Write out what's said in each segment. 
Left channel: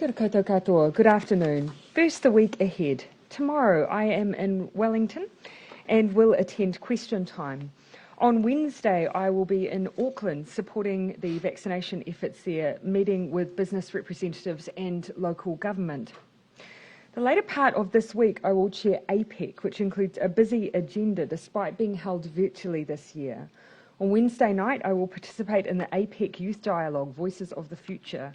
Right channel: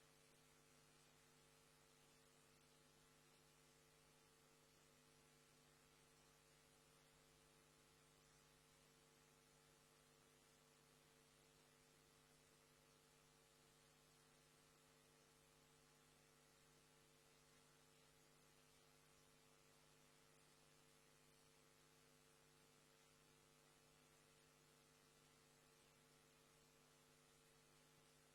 Kia ora koutou katoa. Good afternoon. First, the week ahead. Tomorrow I am in Wellington and will attend question time. On Wednesday I will be in Auckland supporting the vaccination efforts there, meeting with business representatives and local government. The later part of this week I will chair APEC, which includes a busy agenda despite being held virtually this year. On Wednesday night I will participate in the APEC Youth Dialogue, Voices of the Future.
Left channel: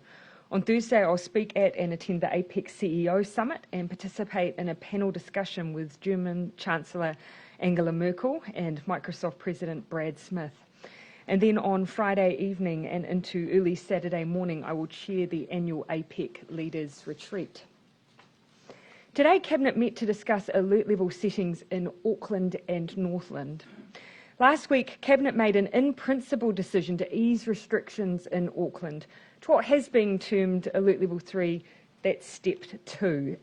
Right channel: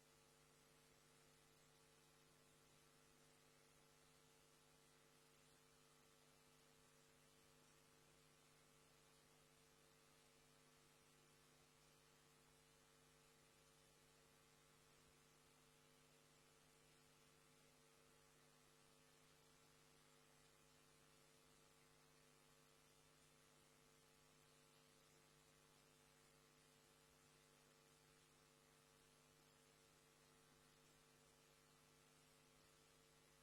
On Thursday, I'll speak at and attend the APEC CEO Summit and participate in a panel discussion with German Chancellor Angela Merkel and Microsoft President Brad Smith. And then on Friday evening and into early Saturday morning, I will chair the annual APEC Leaders Retreat. Today, Cabinet met to discuss alert level settings in Auckland and Northland. Last week, Cabinet made an in-principle decision to ease restrictions in Auckland to what has been termed Alert Level 3, that's Step 2.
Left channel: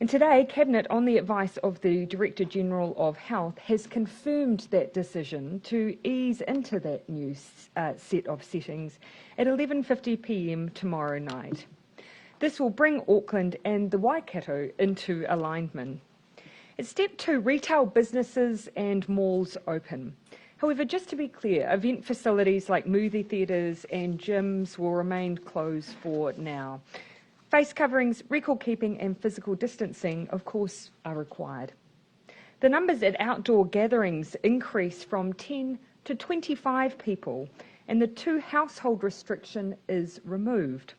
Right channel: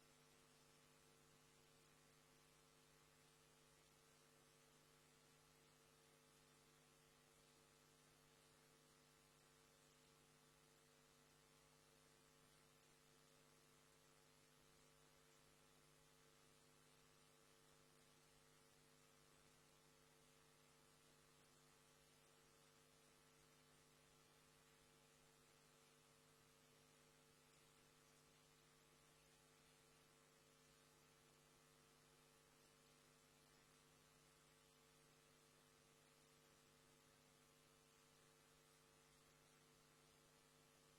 And today, Cabinet, on the advice of the Director General of Health, has confirmed that decision to ease into that new set of settings at 11:50 p.m. tomorrow night. This will bring Auckland and the Waikato into alignment. At Step 2, retail businesses and malls open. However, just to be clear, event facilities like movie theatres and gyms will remain closed for now. Face coverings, record keeping and physical distancing, of course, are required. The numbers at outdoor gatherings increase from 10 to 25 people, and the 2 household restriction is removed.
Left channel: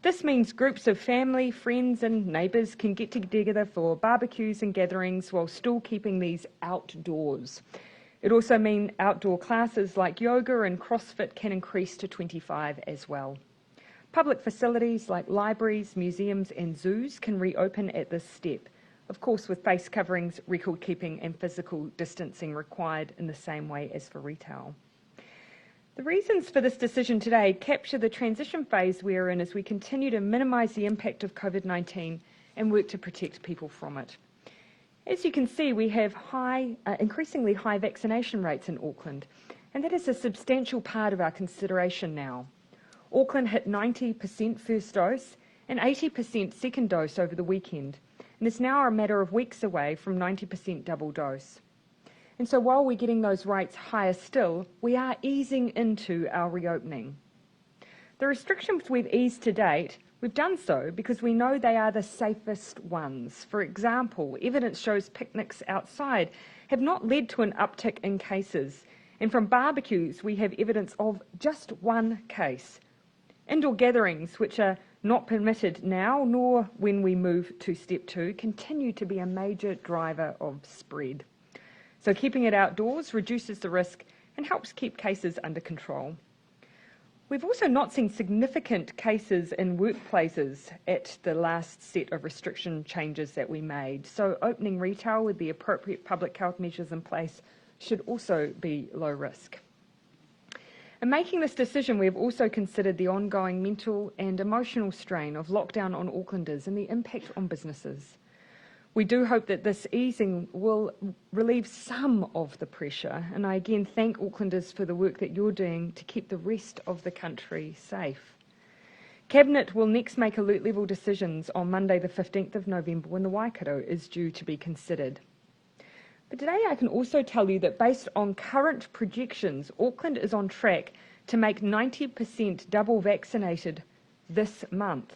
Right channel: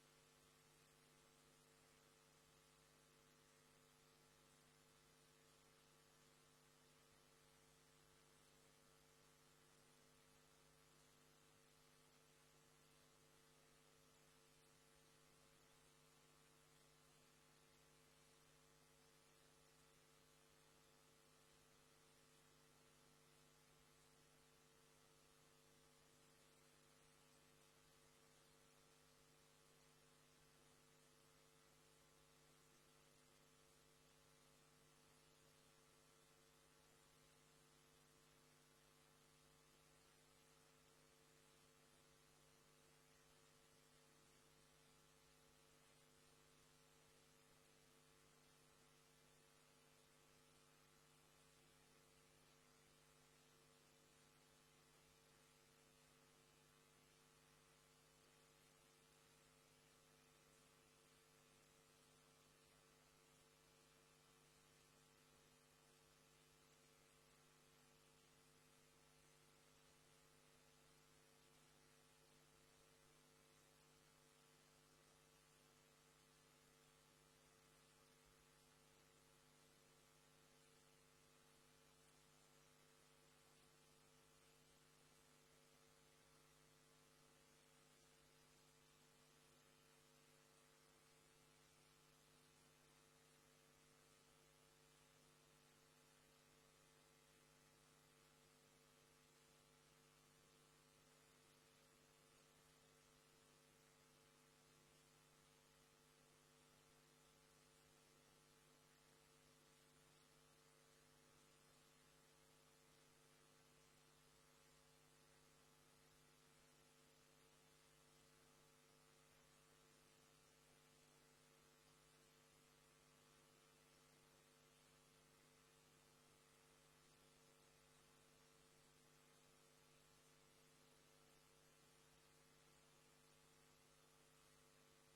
This means groups of family, friends and neighbours can get together for barbecues and gatherings while still keeping these outdoors. It also means outdoor classes like yoga and CrossFit can increase to 25 as well. Public facilities like libraries, museums and zoos can reopen at this step, of course with face coverings, record keeping and physical distancing required in the same way as for retail. The reasons for this decision today capture the transition phase we're in as we continue to minimise the impact of COVID-19 and work to protect people from it. As you can see, we have increasingly high vaccination rates in Auckland, and that is a substantial part of our consideration now. Auckland hit 90% first dose and 80% second dose over the weekend, and is now a matter of weeks away from 90% double dose. And so while we're getting those rates higher still, we are easing into our reopening. The restrictions we've eased to date, we've done so because we know they are the safest ones. For example, evidence shows picnics outside have not led to an uptick in cases. And from barbecues, we have evidence of just 1 case. Indoor gatherings, which are not permitted now, nor when we move to Step 2, continue to be a major driver of spread. So keeping it outdoors reduces the risk and helps keep cases under control. We've also not seen significant cases in workplaces at the last set of restriction changes that we made, so opening retail with the appropriate public health measures in place should also be low risk. In making this decision, we have also considered the ongoing mental and emotional strain of lockdown on Aucklanders and the impact on businesses. We do hope that this easing will relieve some of the pressure, and I again thank Aucklanders for the work that you're doing to keep the rest of the country safe. Cabinet will next make alert level decisions on Monday the 15th of November when the Waikato is due to be considered. But today I can also tell you that based on current projections, Auckland is on track to make 90% double vaccinated this month.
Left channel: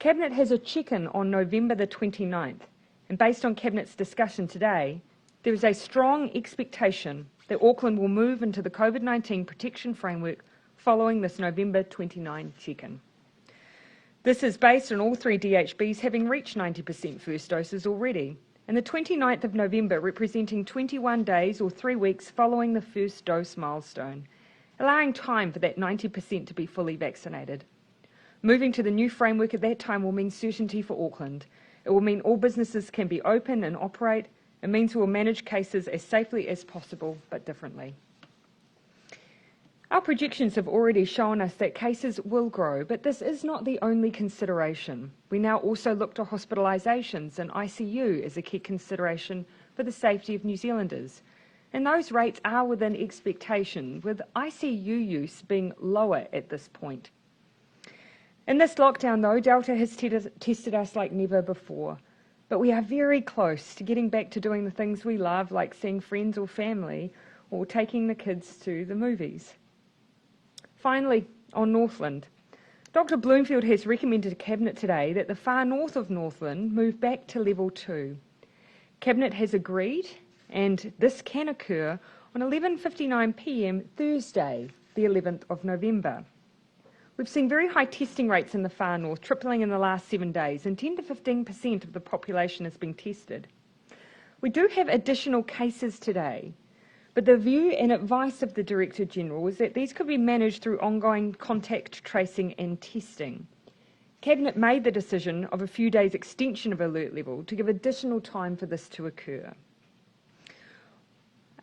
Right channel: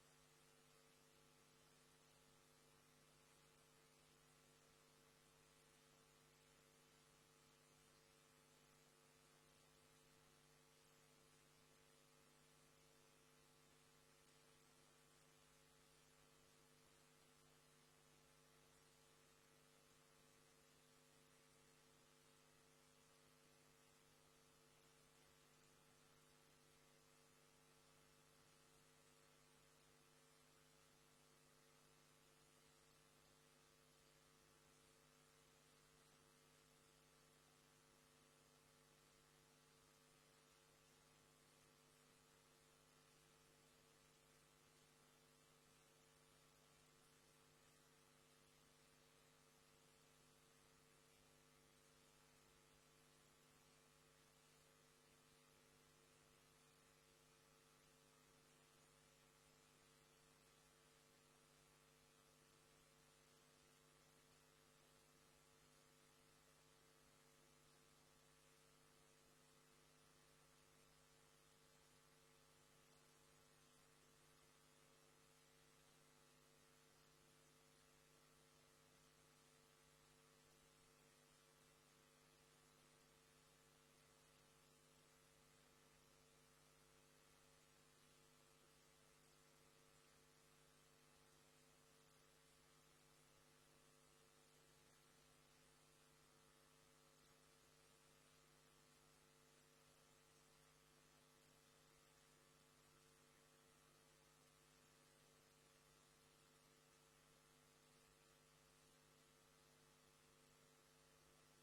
Cabinet has a check-in on November the 29th. And based on Cabinet's discussion today, there is a strong expectation that Auckland will move into the COVID-19 protection framework following this November 29 check-in. This is based on all 3 DHBs having reached 90% first doses already, and the 29th of November representing 21 days or 3 weeks following the first dose milestone, allowing time for that 90% to be fully vaccinated. Moving to the new framework at that time will mean certainty for Auckland. It will mean all businesses can be open and operate. It means we will manage cases as safely as possible, but differently. Our projections have already shown us that cases will grow, but this is not the only consideration. We now also look to hospitalisations and ICU as a key consideration for the safety of New Zealanders. And those rates are within expectation, with ICU use being lower at this point. In this lockdown, though, Delta has tested us like never before. But we are very close to getting back to doing the things we love, like seeing friends or family, or taking the kids to the movies. Finally, on Northland. Dr. Bloomfield has recommended to Cabinet today that the far north of Northland move back to level 2. Cabinet has agreed, and this can occur on 11:59 p.m. Thursday, the 11th of November. We've seen very high testing rates in the far north, tripling in the last 7 days, and 10 to 15% of the population has been tested. We do have additional cases today, but the view and advice of the Director General is that these could be managed through ongoing contact tracing and testing. Cabinet made the decision of a few days extension of alert level to give additional time for this to occur.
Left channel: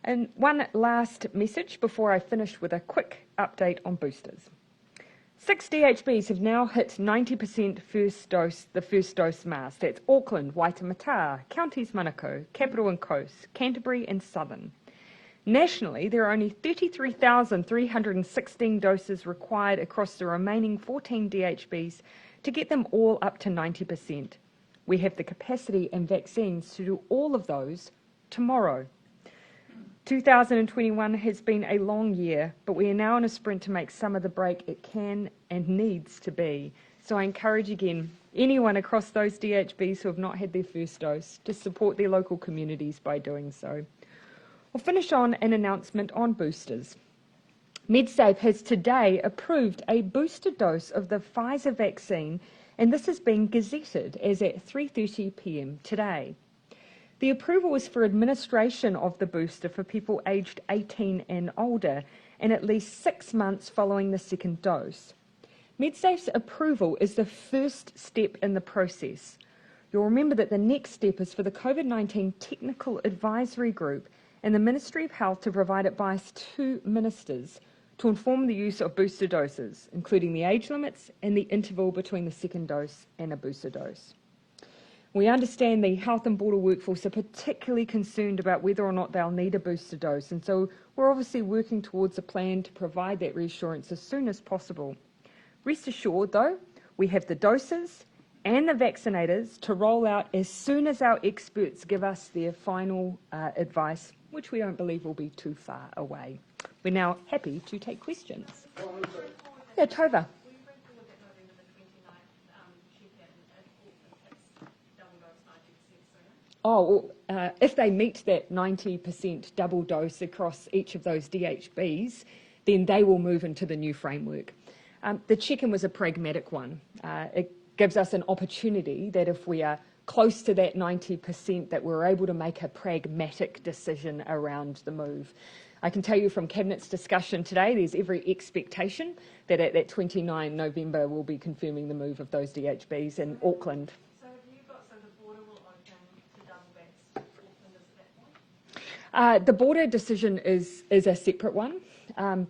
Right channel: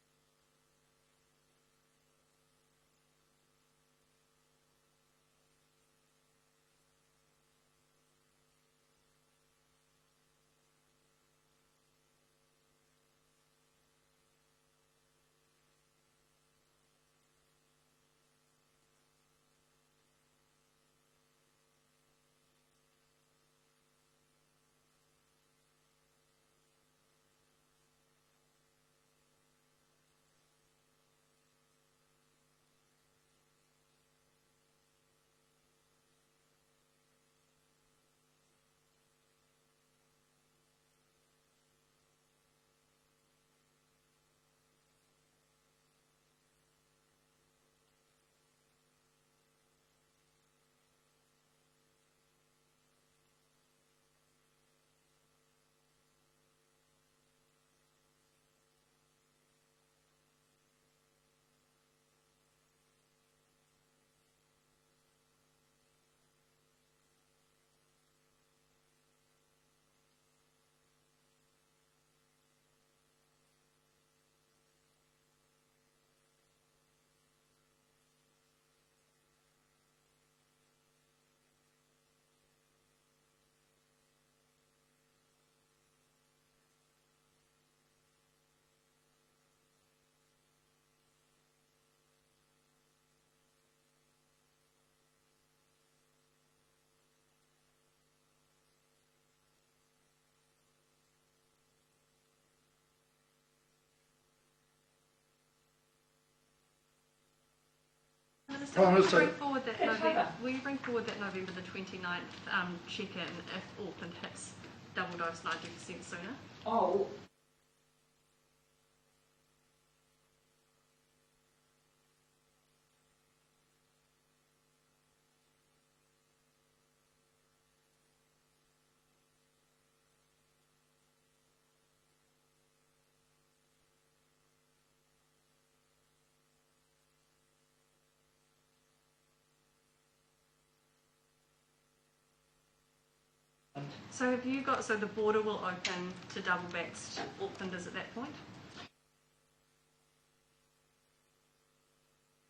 And one last message before I finish with a quick update on boosters. 6 DHBs have now hit 90% the first dose mask. That's Auckland, Waitemata, Counties Manukau, Capital and Coast, Canterbury and Southern. Nationally, there are only 33,316 doses required across the remaining 14 DHBs to get them all up to 90%. We have the capacity and vaccines to do all of those tomorrow. 2021 has been a long year, but we are now in a sprint to make some of the break it can and needs to be. So I encourage again anyone across those DHBs who have not had their first dose to support their local communities by doing so. We'll finish on an announcement on boosters. MedSafe has today approved a booster dose of the Pfizer vaccine, and this has been gazetted as at 3:30 p.m. today. The approval is for administration of the booster for people aged 18 and older, and at least 6 months following the second dose. MedSafe's approval is the first step in the process. You'll remember that the next step is for the COVID-19 Technical Advisory Group and the Ministry of Health to provide advice to ministers to inform the use of booster doses, including the age limits and the interval between the second dose and a booster dose. We understand the health and border workforce are particularly concerned about whether or not they'll need a booster dose, and so we're obviously working towards a plan to provide that reassurance as soon as possible. Rest assured, though, we have the doses and the vaccinators to roll out as soon as our experts give us their final advice, which we don't believe will be too far away. We're now happy to take questions. Minister, will you bring forward that November the 29th check-in if Auckland hits double dose 90% sooner? If they meet that 90% double dose across each of those DHBs, then they will move into the new framework. The check-in was a pragmatic one. It gives us an opportunity that if we are close to that 90%, that we're able to make a pragmatic decision around the move. I can tell you from Cabinet's discussion today, there's every expectation that at that 29 November we'll be confirming the move of those DHBs in Auckland. So the border will open to double vaxxed Aucklanders at that point? The border decision is a separate one,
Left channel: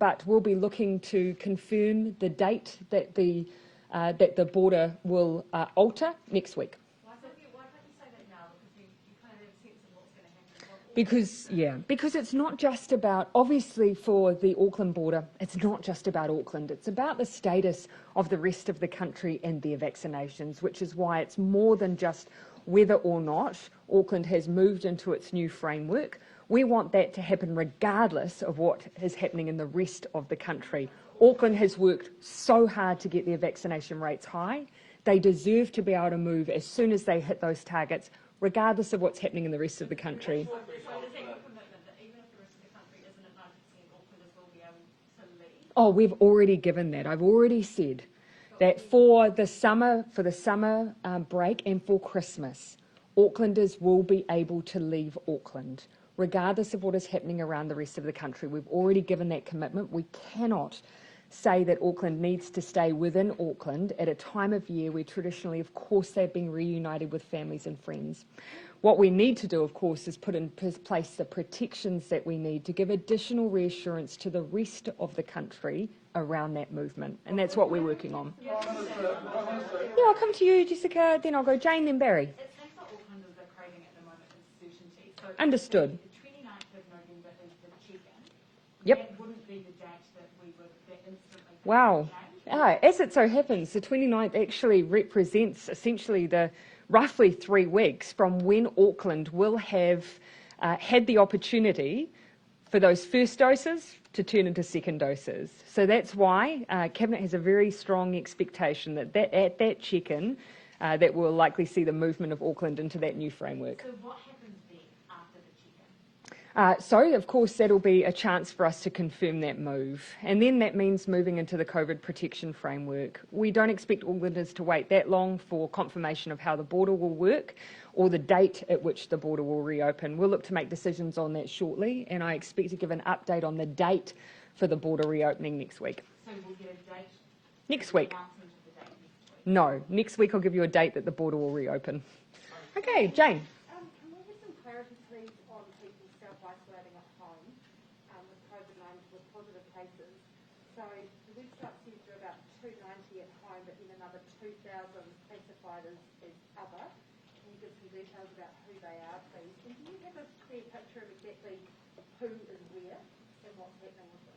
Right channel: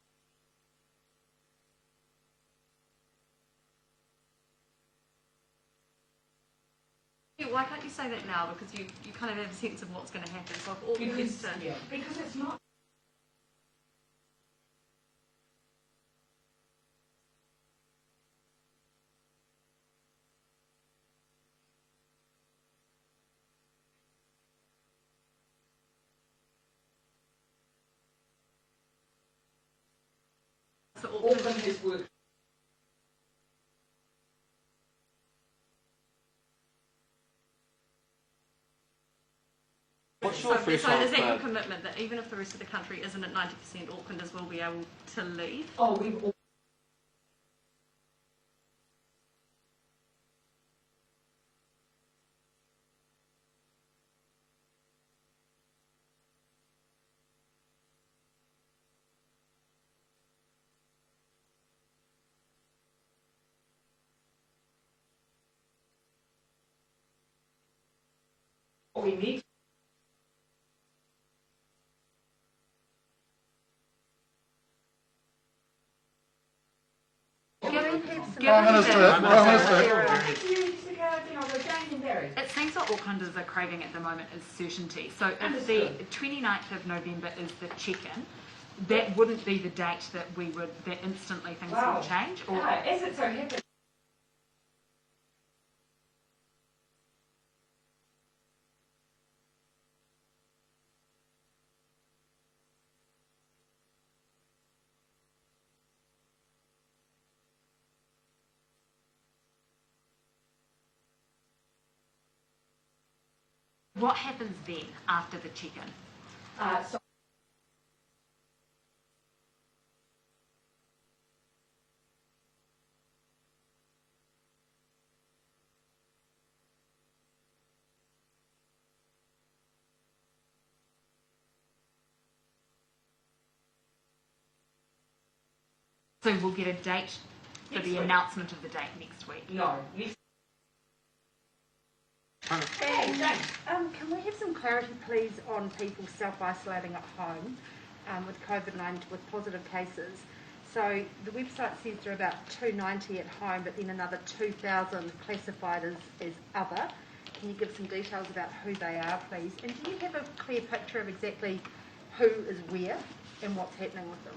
but we'll be looking to confirm the date that the border will alter next week. Why can't you say that now? Because you kind of have a sense of what's going to happen. So because it's not just about, obviously for the Auckland border, it's not just about Auckland. It's about the status of the rest of the country and their vaccinations, which is why it's more than just whether or not Auckland has moved into its new framework. We want that to happen regardless of what is happening in the rest of the country. So Auckland has worked so hard to get their vaccination rates high. They deserve to be able to move as soon as they hit those targets, regardless of what's happening in the rest of the country. So is that your commitment that even if the rest of the country isn't at 90%, Aucklanders will be able to leave? Oh, we've already given that. I've already said that for the summer break and for Christmas, Aucklanders will be able to leave Auckland, regardless of what is happening around the rest of the country. We've already given that commitment. We cannot say that Auckland needs to stay within Auckland at a time of year where traditionally, of course, they've been reunited with families and friends. What we need to do, of course, is put in place the protections that we need to give additional reassurance to the rest of the country around that movement, and that's what we're working on. Thank you, Jessica. Then I'll go Jane, then Barry. It seems what Aucklanders are craving at the moment is certainty. So Understood. If the 29th of November is the check-in, that wouldn't be the date that instantly things would change? As it so happens, the 29th actually represents essentially the roughly 3 weeks from when Auckland will have had the opportunity for those first doses to turn into second doses. So that's why Cabinet has a very strong expectation that at that check-in, that will likely see the movement of Auckland into that new framework. So what happens then after the check-in? So, of course, that'll be a chance for us to confirm that move. And then that means moving into the COVID protection framework. We don't expect Aucklanders to wait that long for confirmation of how the border will work or the date at which the border will reopen. We'll look to make decisions on that shortly, and I expect to give an update on the date for the border reopening next week. So we'll get a date for the announcement of the date next week? No, next week I'll give you a date that the border will reopen. Okay, Jane. Can we have some clarity, please, on people self-isolating at home with COVID-19, with positive cases? So the website says there are about 290 at home, but then another 2,000 classified as other. Can you give some details about who they are, please? And do you have a clear picture of exactly who is where and what's happening with them?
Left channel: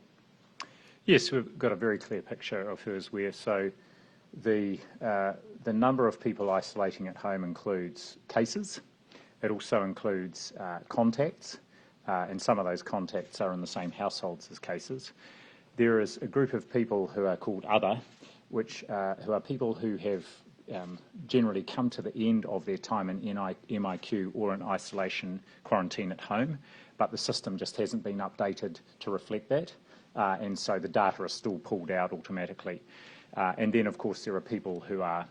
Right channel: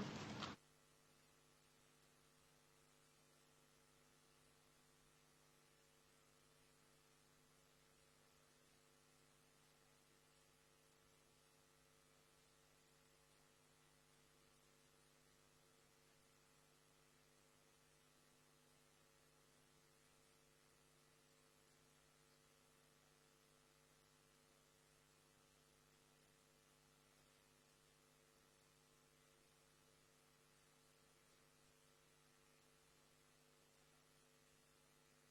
Yes, we've got a very clear picture of who is where. So the number of people isolating at home includes cases. It also includes contacts, and some of those contacts are in the same households as cases. There is a group of people who are called other, who are people who have generally come to the end of their time in MIQ or in isolation quarantine at home, but the system just hasn't been updated to reflect that, and so the data is still pulled out automatically. And then, of course, there are people who are,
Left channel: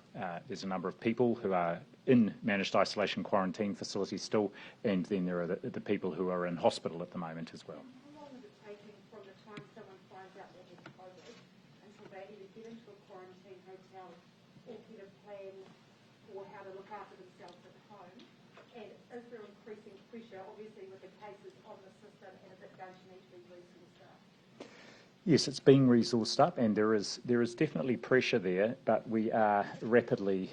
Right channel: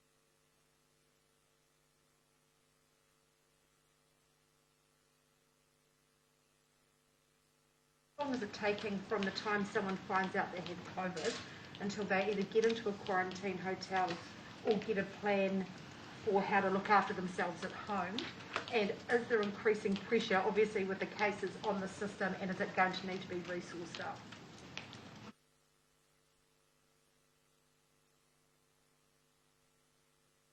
there's a number of people who are in managed isolation quarantine facilities still, and then there are the people who are in hospital at the moment as well. How long is it taking from the time someone finds out they have COVID until they either get into a quarantine hotel or get a plan for how to look after themselves at home? And is there increasing pressure, obviously, with the cases on the system, and is it going to need to be resourced up? Yes, it's being resourced up, and there is definitely pressure there, but we are rapidly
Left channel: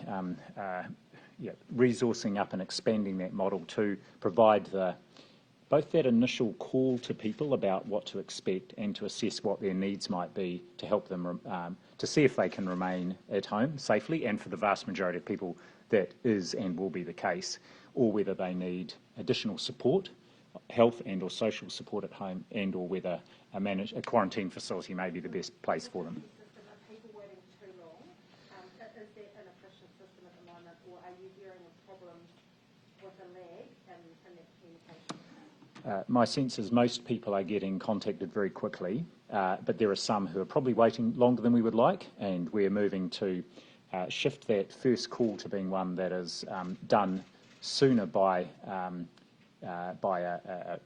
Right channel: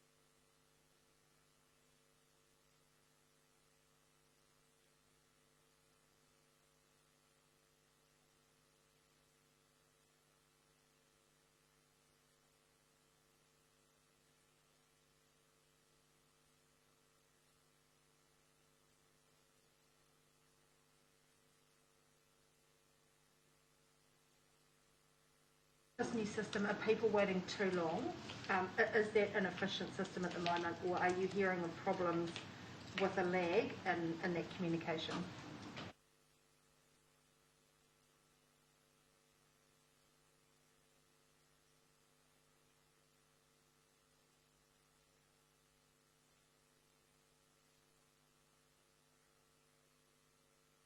resourcing up and expanding that model to provide both that initial call to people about what to expect and to assess what their needs might be to help them to see if they can remain at home safely, and for the vast majority of people that is and will be the case, or whether they need additional support, health and or social support at home, and or whether a quarantine facility may be the best place for them. This new system, are people waiting too long? Is that an efficient system at the moment, or are you hearing of problems with a lag in that communication? My sense is most people are getting contacted very quickly, but there are some who are probably waiting longer than we would like, and we're moving to shift that first call to being one that is done sooner by a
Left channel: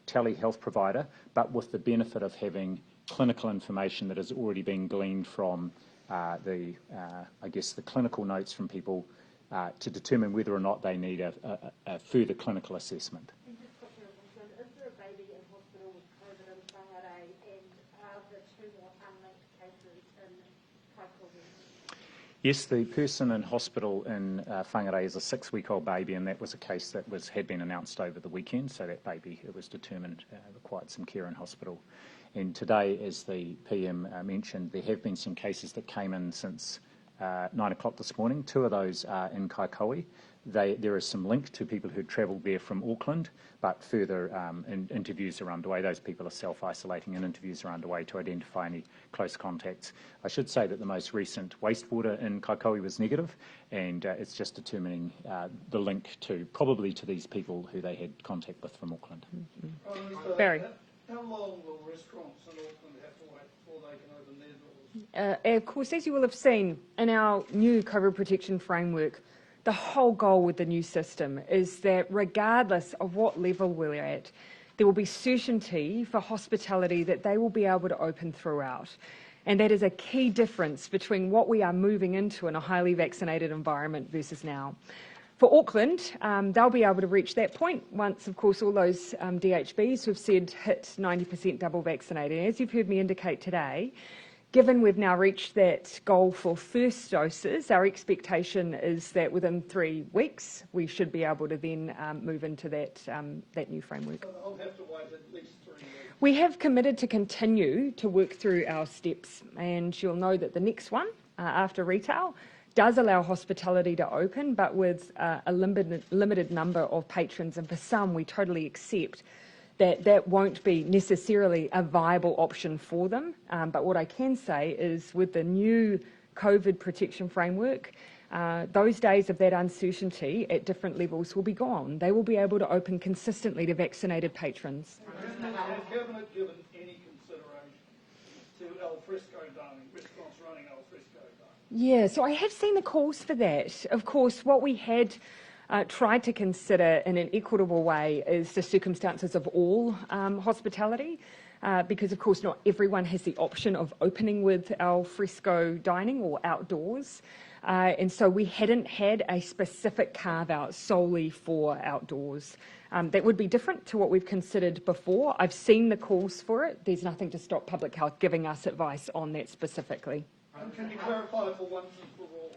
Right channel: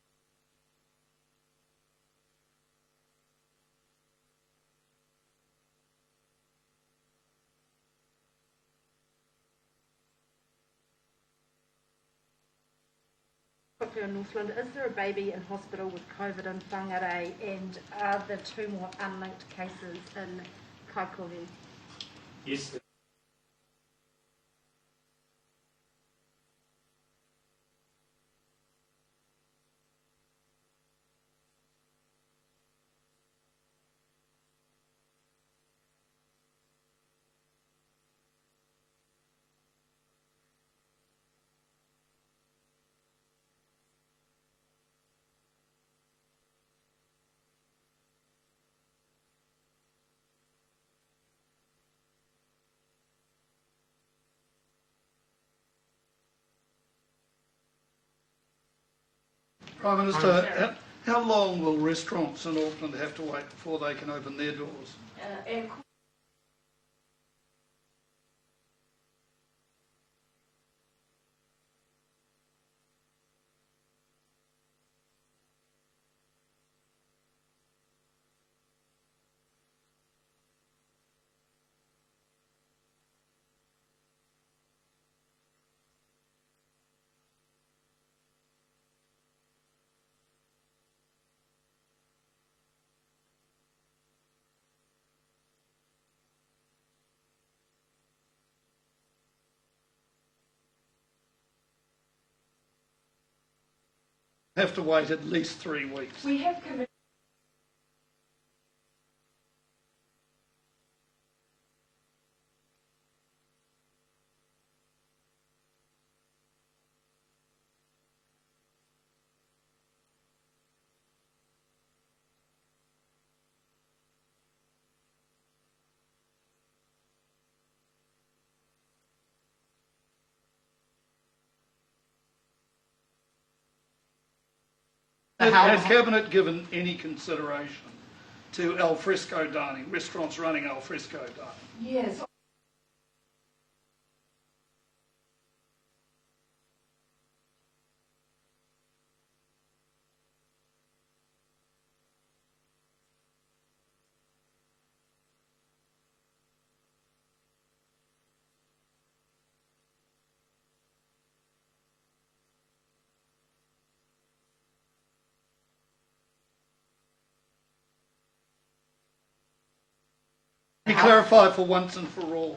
telehealth provider, but with the benefit of having clinical information that has already been gleaned from the clinical notes from people to determine whether or not they need a further clinical assessment. Quickly on Northland, is there a baby in hospital with COVID in Whangarei, and are there 2 more unlinked cases in Kaikohe? Yes, the person in hospital in Whangarei is a 6-week-old baby, and that was a case that had been announced over the weekend, so that baby, it was determined, required some care in hospital. And today, as the PM mentioned, there have been some cases that came in since 9 o'clock this morning. 2 of those are in Kaikohe. There is some link to people who travelled there from Auckland, but further interviews are underway. Those people are self-isolating, and interviews are underway to identify any close contacts. I should say that the most recent wastewater in Kaikohe was negative, and it's just determining the link probably to these people who they had contact with from Auckland. Prime Minister, how long will restaurants in Auckland have to wait before they can open their doors? Of course, as you will have seen in our new COVID protection framework, the whole goal with the new system is that regardless of what level we're at, there will be certainty for hospitality that they will be able to open throughout. And that is a key difference between what we are moving into in a highly vaccinated environment versus now. For Auckland, they'll be able to reach that point once, of course, all those DHBs who've said hit 90% double vaccinated. As you've heard me indicate today, Given we've now reached that goal for first doses, our expectation is that within 3 weeks we should be able to then move into that new framework. I'll have to wait at least 3 weeks. We have committed to continue to work through our steps, and you'll know that the next one, after retail, does allow hospitality to open, but with a limited number of patrons, and for some we totally accept that won't be necessarily a viable option for them. But what I can say is with the new COVID protection framework, those days of that uncertainty at different levels will be gone. They will be able to open consistently to vaccinated patrons. Has Cabinet given any consideration to al fresco dining, restaurants running al fresco dining? Yeah, so I have seen the calls for that. Of course, what we had tried to consider in an equitable way is the circumstances of all hospitality, because of course not everyone has the option of opening with al fresco dining or outdoors, and so we hadn't had a specific carve out solely for outdoors. That would be different to what we've considered before. I've seen the calls for it. There's nothing to stop Public Health giving us advice on that specifically. Can you clarify for once and for all,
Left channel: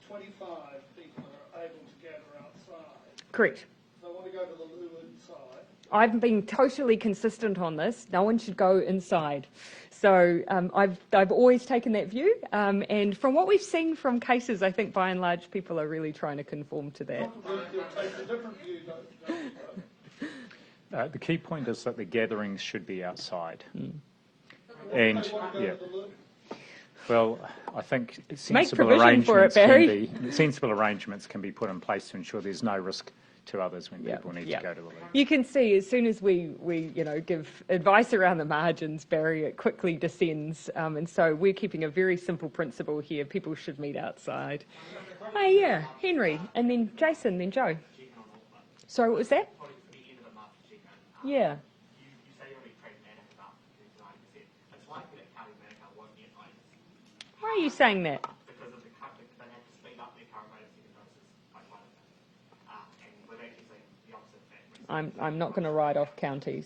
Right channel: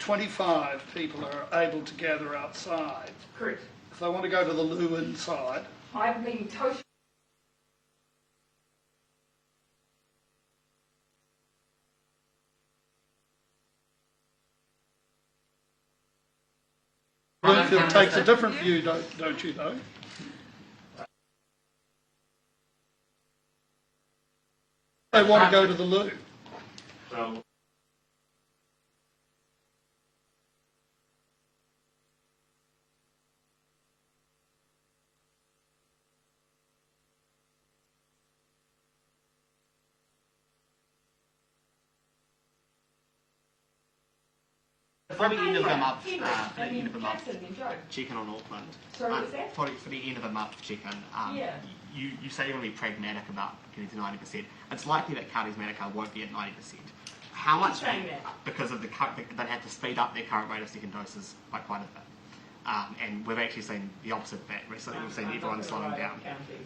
25 people are able to gather outside? Correct. If they want to go to the loo inside? I've been totally consistent on this. No one should go inside. So I've always taken that view, and from what we've seen from cases, I think by and large people are really trying to conform to that. Bloomfield takes a different view, don't you, though? The key point is that the gatherings should be outside. They want to go to the loo. Well, I think sensible arrangements can be put in place to ensure there's no risk to others when people need to go to the loo. You can see as soon as we give advice around the margins, Barry, it quickly descends, and so we're keeping a very simple principle here. People should meet outside. Henry, and then Jason, then Joe. Check-in on Auckland. Sorry, what was that? For the end of the month check-in. You say you want to be pragmatic about getting to 90%. It's likely that Counties Manukau won't be at 90%. How are you saying that? Because of they'd have to speed up their current rate of second doses by quite a bit. And we've actually seen the opposite of that recently. I'm not going to write off counties.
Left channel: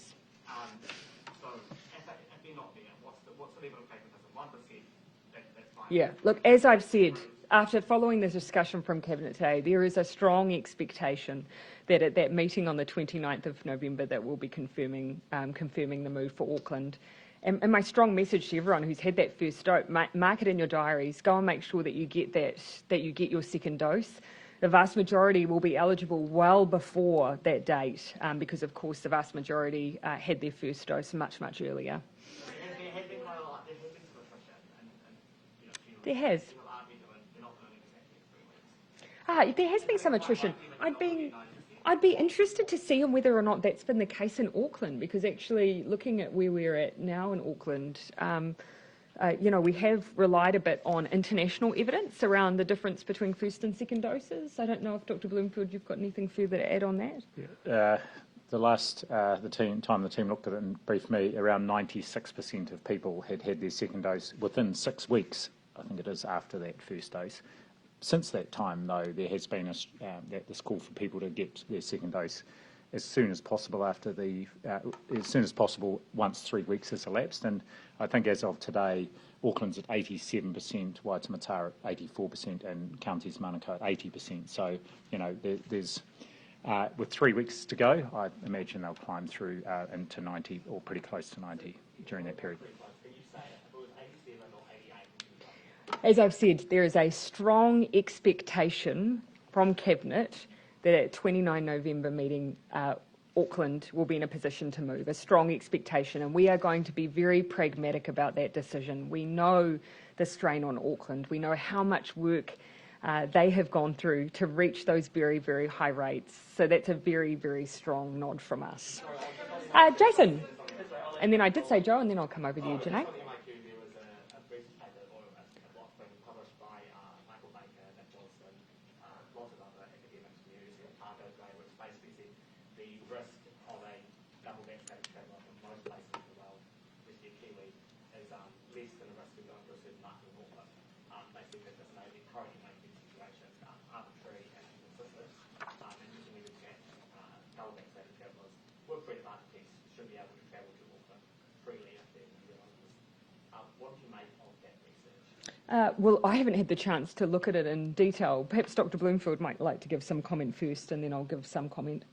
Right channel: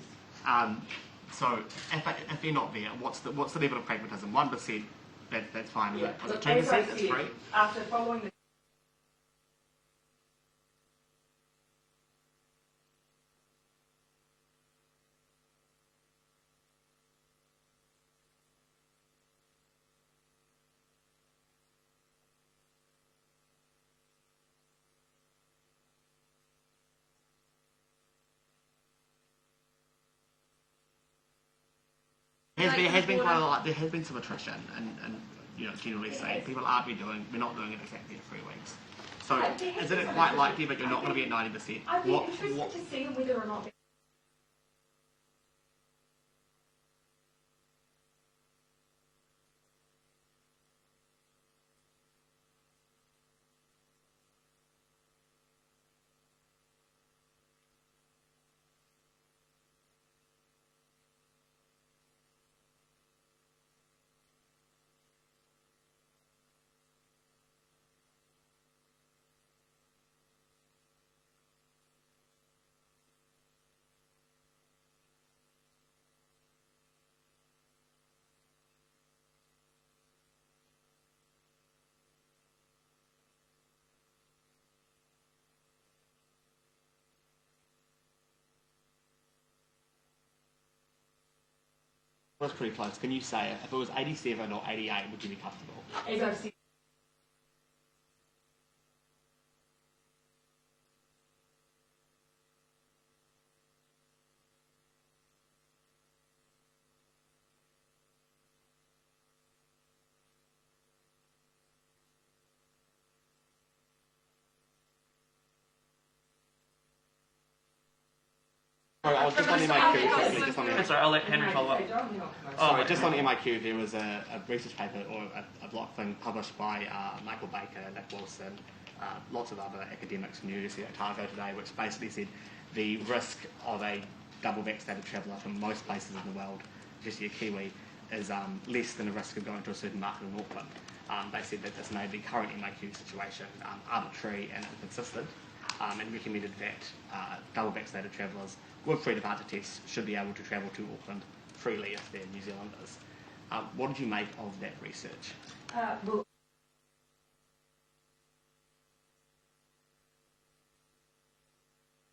So if they're not there, what's the level of pragmatism? 1%, that's fine. Yeah, look, as I've said, after following the discussion from Cabinet today, there is a strong expectation that at that meeting on the 29th of November that we'll be confirming the move for Auckland. And my strong message to everyone who's had that first dose, mark it in your diaries, go and make sure that you get that you get your second dose. The vast majority will be eligible well before that date, because of course the vast majority had their first dose much earlier. There has been quite a lot. There has been some attrition, and generally saying people we're not doing it exactly in 3 weeks. So there has been some quite attrition. likely that you're not going to be at 90%? I'd be interested to see whether or not that's been the case in Auckland, because actually looking at where we're at now in Auckland, we have relied a bit on international evidence around the difference between first and second doses. I don't know if Dr. Bloomfield, you've got anything further to add on that? Yeah. The last the team looked at it and briefed me, around 96% of people had their second dose within 6 weeks, I think it is, after that first dose. Since that time, though, there has been this call for people to get their second dose as soon as possible once 3 weeks has elapsed. And I think as of today, Auckland's at 87%, Waitemata at 84%, and Counties Manukau at 80%. So, there's with 3 weeks to go, I imagine they'll climb through into 90 or pretty close to 90 during that period. That's pretty close. Can you say if it was 87 or 88, would you be comfortable? As I've said, there is a strong expectation from Cabinet that at 29 November meeting, Auckland will be in a position to move, a strong expectation, and we are going to be very pragmatic about that decision. We know the strain on Auckland. We know how much work they have gone through to reach those very, very high rates. So that's a very, very strong nod from us. Sorry, I'll just on Jason. and then I did say Joe, and then I'll come over. Just on the MIQ, there was a research paper or a block thing published by Michael Baker, Nick Wilson, lots of other academics from the University of Otago today, which basically said the risk of a double vaccinated traveller from most places in the world, especially a Kiwi, is less than the risk of going to a certain market in Auckland. They said that this made the current MIQ situation arbitrary and inconsistent, and recommended that double vaccinated travellers with free departure tests should be able to travel to Auckland freely if they're New Zealanders. What did you make of that research? Well, I haven't had the chance to look at it in detail. Perhaps Dr. Bloomfield might like to give some comment first, and then I'll give some comment.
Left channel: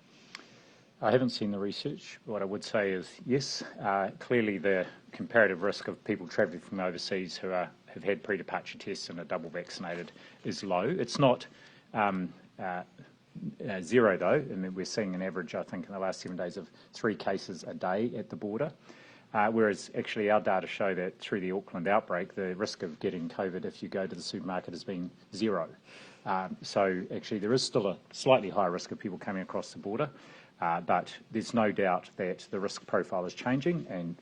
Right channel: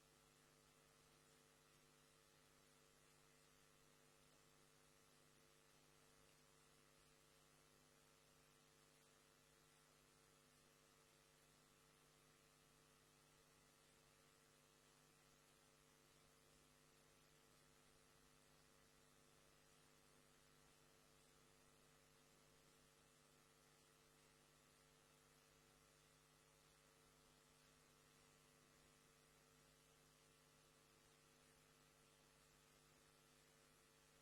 I haven't seen the research. What I would say is, yes, clearly the comparative risk of people travelling from overseas who have had pre-departure tests and are double vaccinated is low. It's not zero, though, and we're seeing an average, I think, in the last 7 days of 3 cases a day at the border. Whereas actually our data show that through the Auckland outbreak, the risk of getting COVID if you go to the supermarket has been 0. So actually there is still a slightly higher risk of people coming across the border, but there's no doubt that the risk profile is changing, and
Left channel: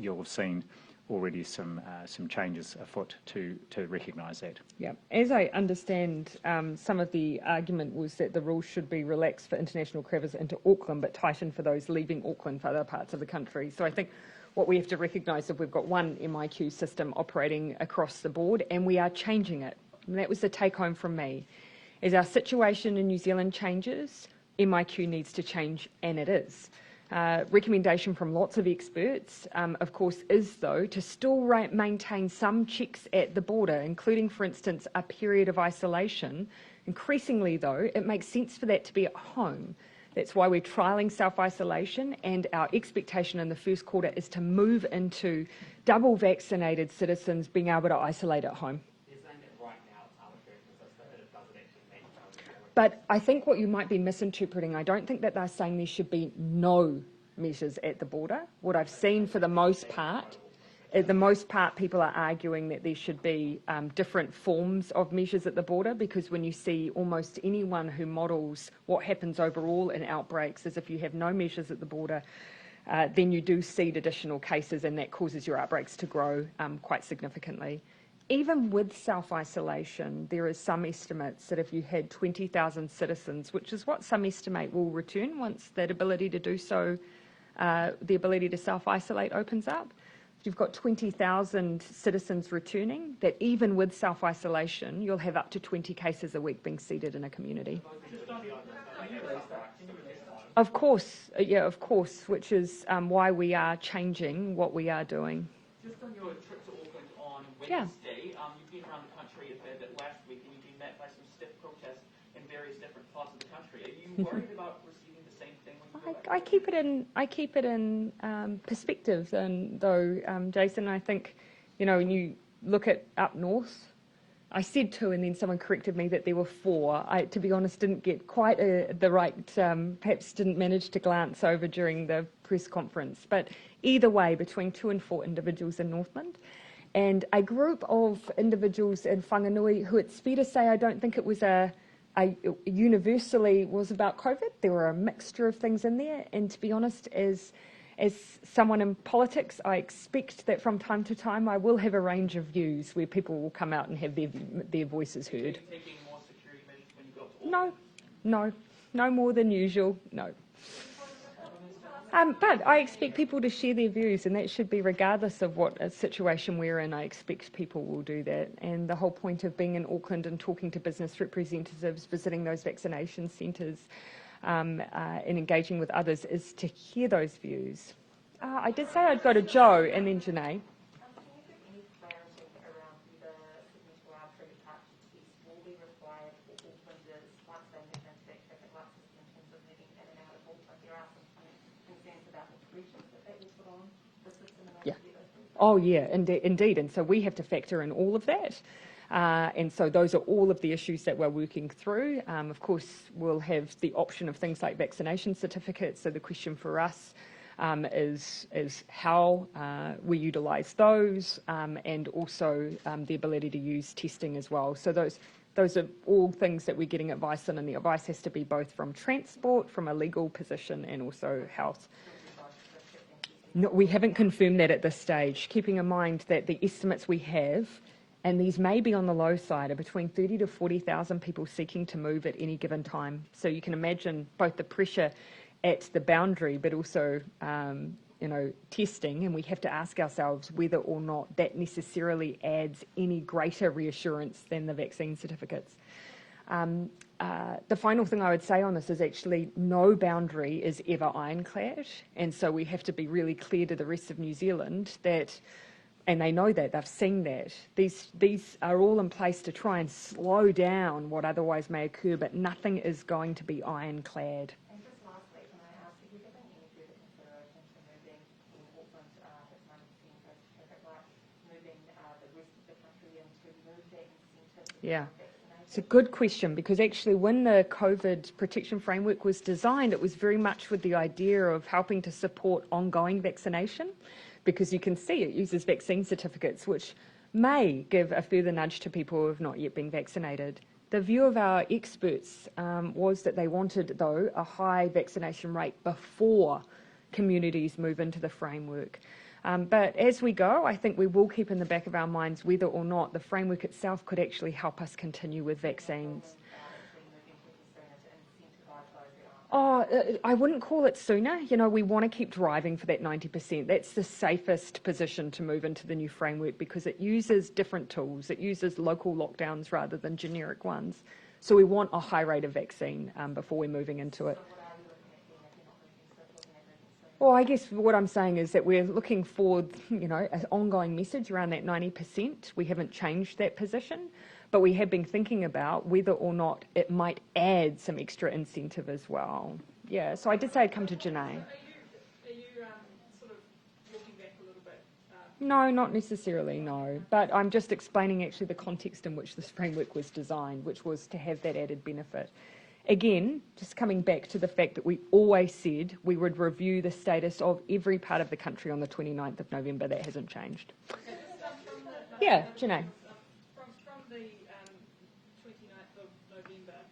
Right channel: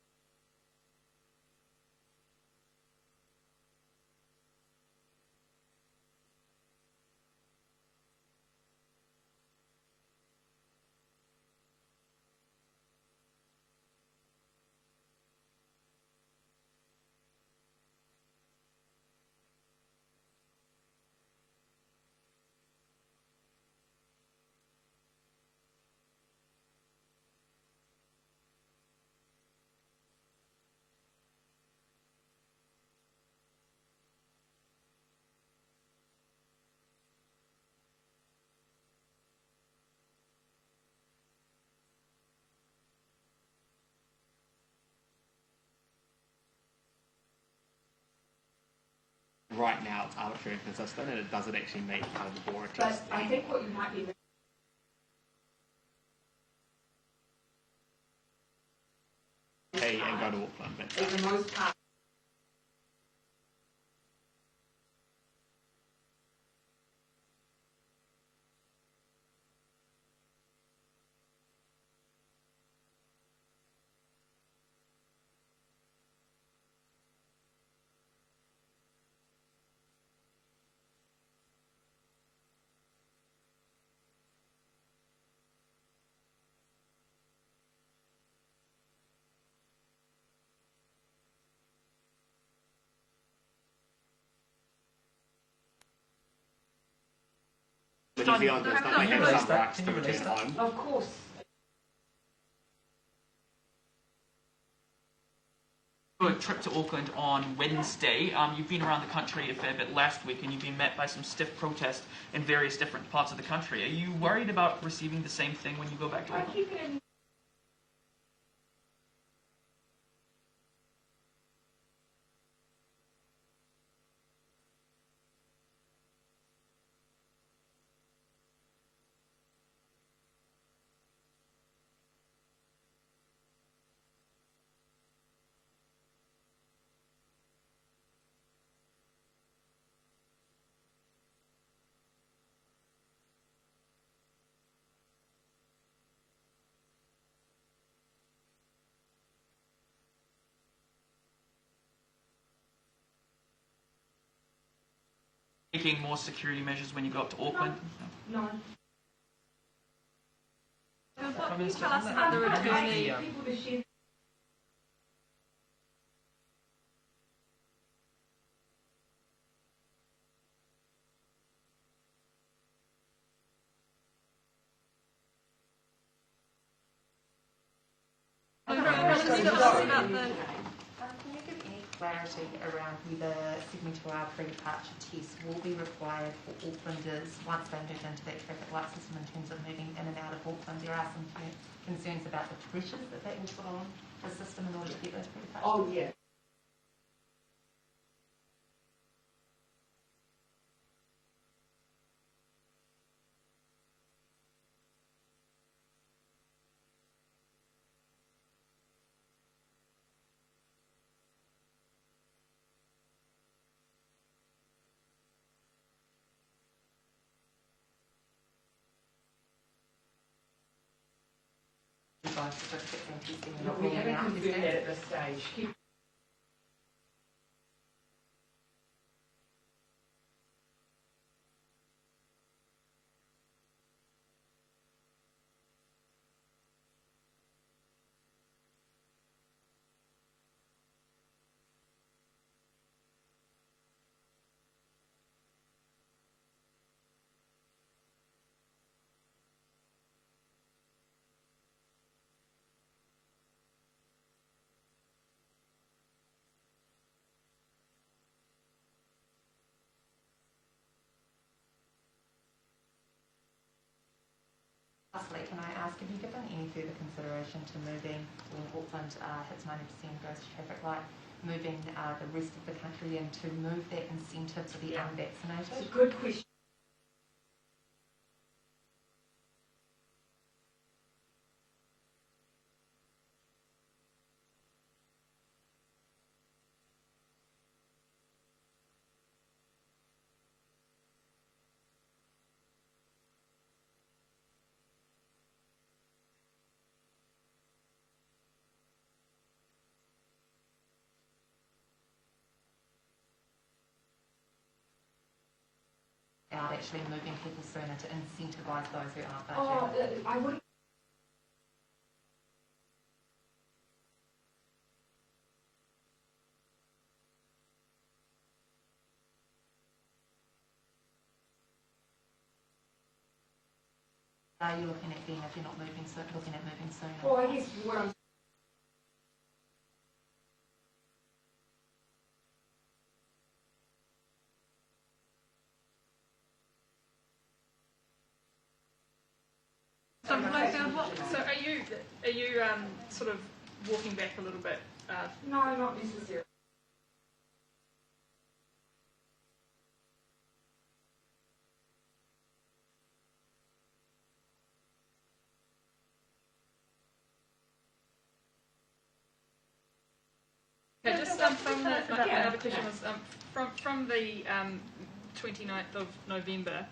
you'll have seen already some changes afoot to recognise that. Yeah, as I understand, some of the argument was that the rules should be relaxed for international travellers into Auckland, but tightened for those leaving Auckland for other parts of the country. So I think what we have to recognise is we've got one MIQ system operating across the board, and we are changing it. And that was the take home from me. As our situation in New Zealand changes, MIQ needs to change, and it is. Recommendation from lots of experts, of course, is though to still maintain some checks at the border, including, for instance, a period of isolation. Increasingly, though, it makes sense for that to be at home. That's why we're trialling self-isolation, and our expectation in the first quarter is to move into double vaccinated citizens being able to isolate at home. Right now it's arbitrary and consistent, and it doesn't actually meet kind of the border But test. I think what you might be misinterpreting, I don't think that they're saying there should be no measures at the border. What I've seen for the most part, people are arguing that there should be different forms of measures at the border, because when you see almost anyone who models what happens overall in outbreaks is if you have no measures at the border, then you do seed additional cases, and that causes your outbreaks to grow quite significantly. Even with self-isolation, there is some estimates that if you had 20,000 citizens, which is what some estimate will return once that ability to do so, the ability to self-isolate opens up, if you've got 20,000 citizens returning, that even with self-isolation, you'll have up to 20 cases a week being seeded in a community. But New Zealanders don't have some rights to return home. Of course, yeah, of course, which is why we are changing what we are doing. Your trip to Auckland on Wednesday, you've been around the country a fair bit last week, and you've been met by some stiff protest in various different parts of the country. Are you worried about receiving the same thing when you go back? I keep it in perspective, and though, Jason, I think, when you look at up north, I said 2, and then someone corrected me that there were 4. I, to be honest, didn't get quite the right, perhaps didn't manage to glance over during the press conference. But either way, between 2 and 4 individuals in Northland, and a group of individuals in Whanganui who, it's fair to say, I don't think it was universally was about COVID. There were a mixture of things in there, and to be honest, as someone in politics, I expect that from time to time I will have a range of views where people will come out and have their voices heard. Taking more security measures when you go up to Auckland? No more than usual, no. But I expect people to share their views, and that should be regardless of what a situation we're in. I expect people will do that, and the whole point of being in Auckland and talking to business representatives, visiting those vaccination centres, and engaging with others is to hear those views. Before I go to Joe and then Janae. Can you give any clarity around whether 72-hour pre-departure tests will be required for Aucklanders once they move into that traffic light system in terms of moving in and out of Auckland? There are some concerns about the pressures that will put on the system in order to get those pre-departure. Oh yeah, indeed, and so we have to factor in all of that. And so those are all of the issues that we're working through. Of course, we'll have the option of things like vaccination certificates. So the question for us is how we utilise those, and also the ability to use testing as well. So those are all things that we're getting advice on, and the advice has to be both from transport, from a legal position, and also health. No, we haven't confirmed that at this stage, keeping in mind that the estimates we have, and these may be on the low side, are between 30 to 40,000 people seeking to move at any given time. So you can imagine both the pressure at the boundary, but also, testing, and we have to ask ourselves whether or not that necessarily adds any greater reassurance than the vaccine certificates. The final thing I would say on this is actually no boundary is ever ironclad, and so we have to be really clear to the rest of New Zealand that And they know that, they've seen that. These are all in place to try and slow down what otherwise may occur, but nothing is going to be ironclad. And just lastly, can I ask, have you given any further consideration to moving, when Auckland hits 90% goes to traffic light, moving the rest of the country in to move that incentive for the unvaccinated? It's a good question, because actually when the COVID protection framework was designed, it was very much with the idea of helping to support ongoing vaccination, because you can see it uses vaccine certificates, which may give a further nudge to people who have not yet been vaccinated. The view of our experts was that they wanted, though, a high vaccination rate before communities move into the framework. But as we go, I think we will keep in the back of our minds whether or not the framework itself could actually help us continue with vaccines. About actually moving people sooner to incentivise those who aren't. I wouldn't call it sooner. You know, we want to keep driving for that 90%. That's the safest position to move into the new framework, because it uses different tools. It uses local lockdowns rather than generic ones. So we want a high rate of vaccine before we're moving into it. So what are you looking at then if you're not looking at moving soon? Well, I guess what I'm saying is that we're looking for, you know, an ongoing message around that 90%. We haven't changed that position, but we have been thinking about whether or not it might add some extra incentive as well. Yeah, so I just say come to Janae. So are you sort of walking back a little bit? No, not necessarily, no. But I'm just explaining actually the context in which this framework was designed, which was to have that added benefit. Again, just coming back to the fact that we always said we would review the status of every part of the country on the 29th of November. That hasn't changed. Okay, just from the, from the 29th of November,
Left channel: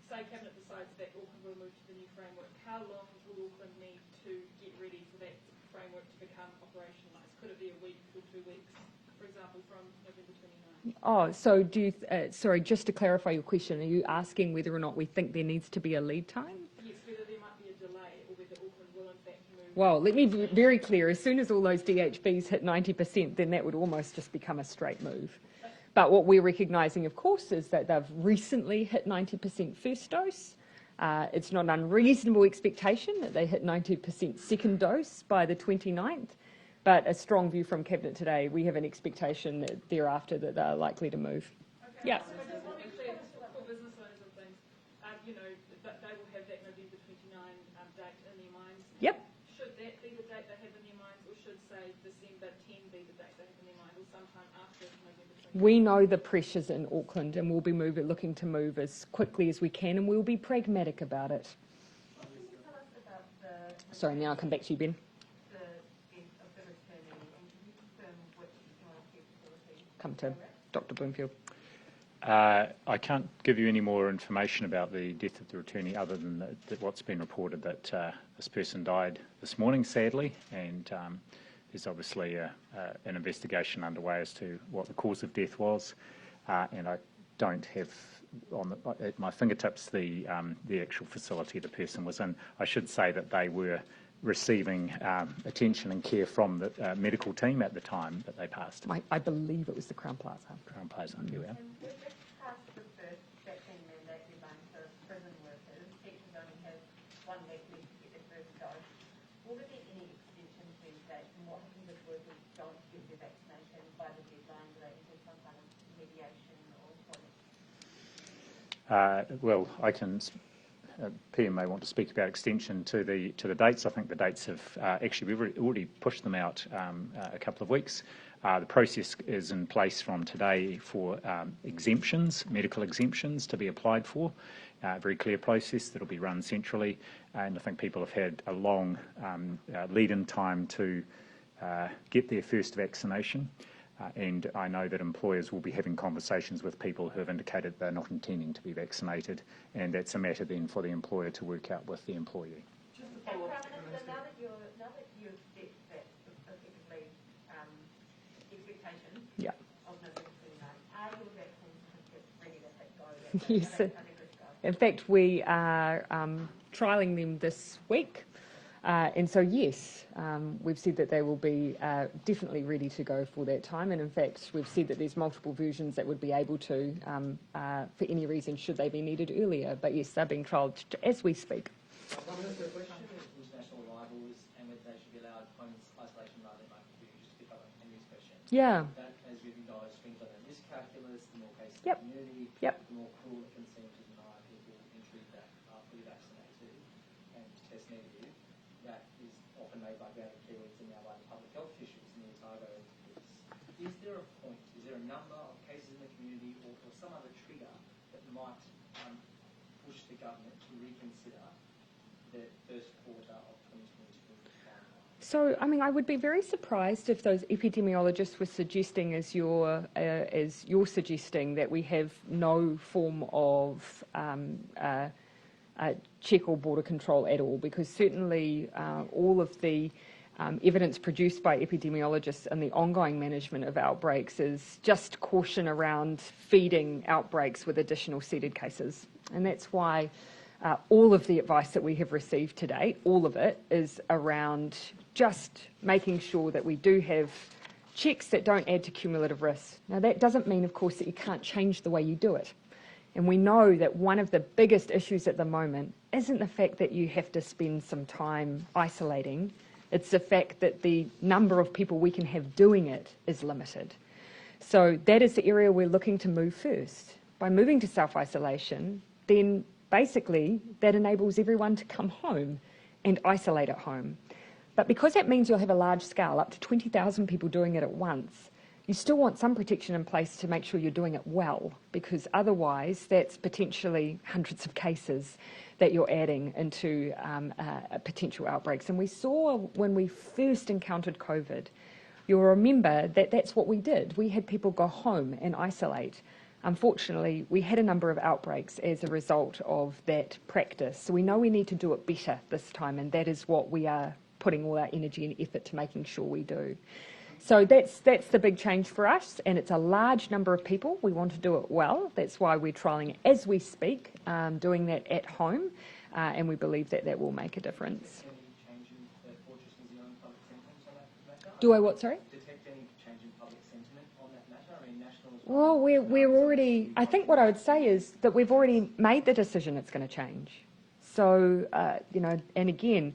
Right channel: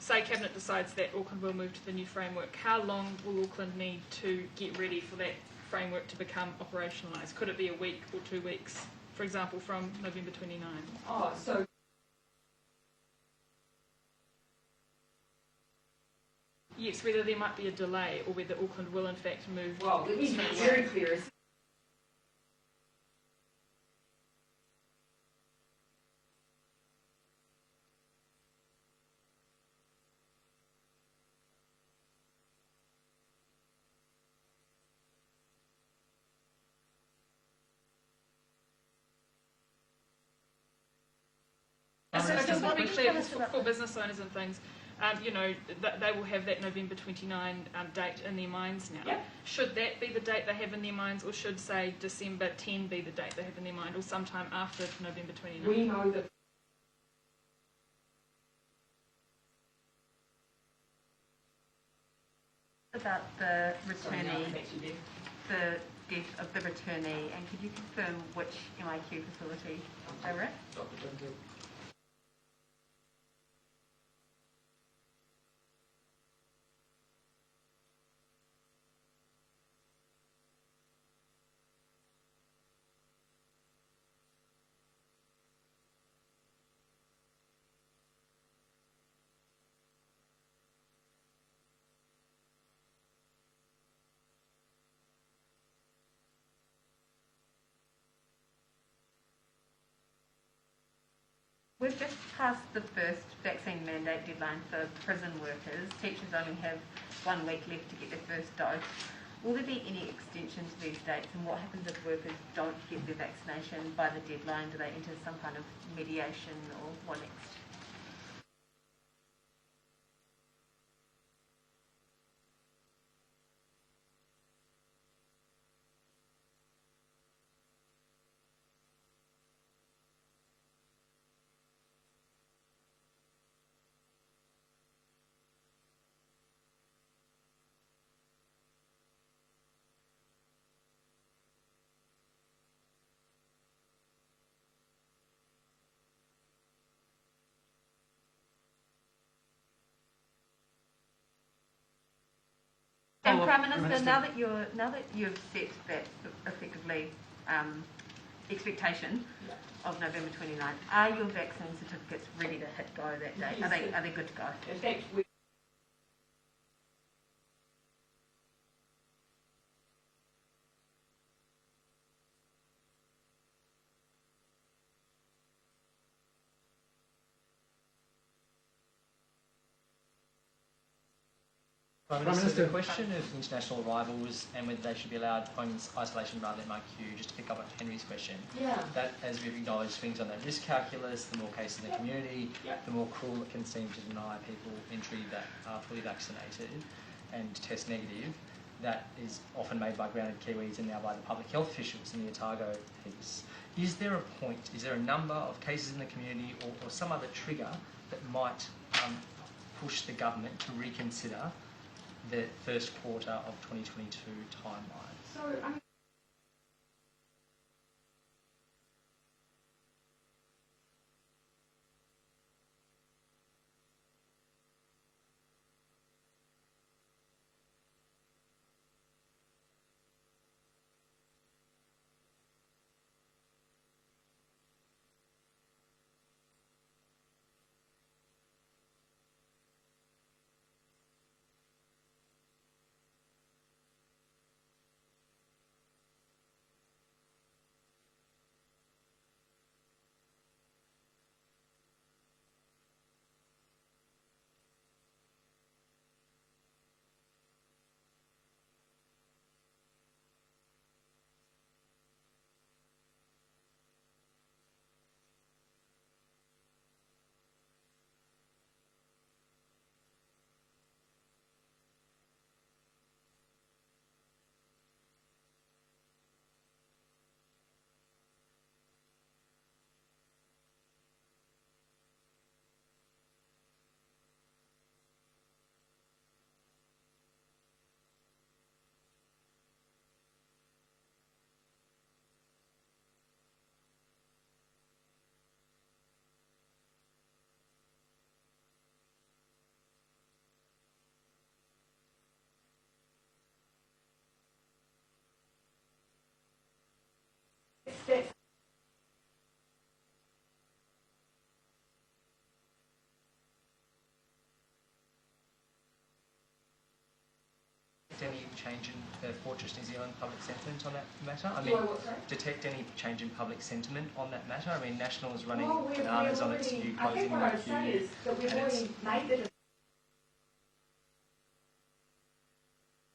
say Cabinet decides that Auckland will move to the new framework, how long will Auckland need to get ready for that framework to become operationalised? Could it be a week or 2 weeks, for example, from November 29? Oh, so do you, sorry, just to clarify your question, are you asking whether or not we think there needs to be a lead time? Yes, whether there might be a delay or whether Auckland will in fact move. Well, let me be very clear. As soon as all those DHBs hit 90%, then that would almost just become a straight move. But what we're recognising, of course, is that they've recently hit 90% first dose. It's not an unreasonable expectation that they hit 90% second dose by the 29th, but a strong view from Cabinet today, we have an expectation that thereafter that they're likely to move. Okay. Yeah, so just to be clear, for business owners and things, you know, they will have that November 29 date in their minds now. Yep. Should that be the date they have in their minds, or should, say, December 10 be the date they have in their mind, or sometime after November 29? We know the pressures in Auckland, and we'll be looking to move as quickly as we can, and we'll be pragmatic about it. Tell us about the returnee. Sorry, now I'll come back to you, Ben. The death of the returnee, and could you confirm which MIQ facility they were at? Dr. Bloomfield. I can't give you any more information about the death of the returnee other than what's been reported, that this person died this morning, sadly, and there's obviously an investigation underway as to what the cause of death was, and I don't have at my fingertips the actual facility the person was in. I should say that they were receiving attention and care from the medical team at the time that they passed. I believe it was the Crown Plaza. Crown Plaza, here we are. We've just passed the first vaccine mandate deadline for prison workers. Teachers only have 1 week left to get their first dose. Will there be any extension to these dates, and what happens if workers don't get their vaccination by the deadline? Do they enter some kind of mediation, or what next? Well, I can. PM may want to speak about extension to the dates. I think the dates have actually, we've already pushed them out a couple of weeks. The process is in place from today for exemptions, medical exemptions to be applied for. Very clear process that will be run centrally, and I think people have had a long lead-in time to get their first vaccination. And I know that employers will be having conversations with people who have indicated they're not intending to be vaccinated, and that's a matter then for the employer to work out with the employee. And Prime Minister, now that you've set that effectively expectation of November 29th, are your vaccine certificates ready to hit go that day? Yes. Are they good to go? In fact, we are trialling them this week. And so, yes, we've said that they will be definitely ready to go for that time. And in fact, we've said that there's multiple versions that would be able to, for any reason, should they be needed earlier. But yes, they're being trialled as we speak. Prime Minister, the question of international arrivals and whether they should be allowed home isolation rather than MIQ, just to pick up on Henry's question. Yeah. That, as we've acknowledged, swings on that risk calculus. The more cases in the community, the more cruel it can seem to deny people entry that are fully vaccinated and test negative. That is often made by grounded Kiwis and now by the public health officials in the Otago piece. Is there a point, is there a number of cases in the community or some other trigger that might push the government to reconsider the first quarter of 2022 timeline? So, I mean, I would be very surprised if those epidemiologists were suggesting, as you're suggesting, that we have no form of check or border control at all, because certainly all of the evidence produced by epidemiologists and the ongoing management of outbreaks is just caution around feeding outbreaks with additional seeded cases. And that's why all of the advice that we have received to date, all of it, is around just making sure that we do have checks that don't add to cumulative risk. Now, that doesn't mean, of course, that you can't change the way you do it. And we know that one of the biggest issues at the moment isn't the fact that you have to spend some time isolating. It's the fact that the number of people we can have doing it is limited. So that is the area we're looking to move first. By moving to self-isolation, then basically that enables everyone to come home and isolate at home. But because that means you'll have a large scale, up to 20,000 people doing it at once, you still want some protection in place to make sure you're doing it well, because otherwise that's potentially hundreds of cases that you're adding into potential outbreaks. And we saw when we first encountered COVID, you'll remember that that's what we did. We had people go home and isolate. Unfortunately, we had a number of outbreaks as a result of that practice. So we know we need to do it better this time, and that is what we are putting all our energy and effort to making sure we do. So that's the big change for us, and it's a large number of people. We want to do it well. That's why we're trialling as we speak, doing that at home, and we believe that that will make a difference. Is there any change in Fortress New Zealand public sentiment on that matter? Do I what, sorry? Detect any change in public sentiment on that matter? I mean, National is running... Well, we're already... I think what I would say is that we've already made the decision it's going to change. So, you know, and again,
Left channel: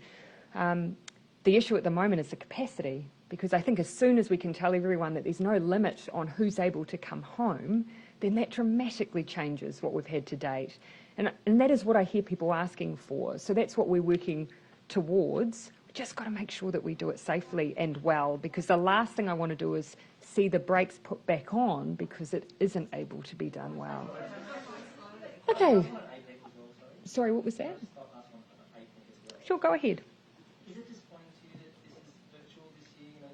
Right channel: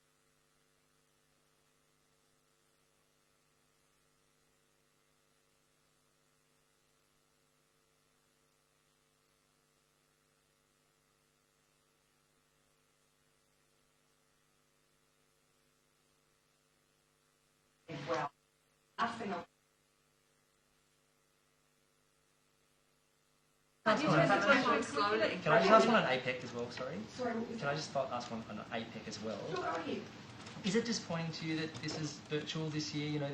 the issue at the moment is the capacity, because I think as soon as we can tell everyone that there's no limit on who's able to come home, then that dramatically changes what we've had to date. And that is what I hear people asking for. So that's what we're working towards. We've just got to make sure that we do it safely and well, because the last thing I want to do is see the brakes put back on because it isn't able to be done well. Can I ask one on APEC as well, sorry? Sorry, what was that? Can I just ask one on APEC as well? Sure, go ahead. Is it disappointing to you that this is virtual this year? You know,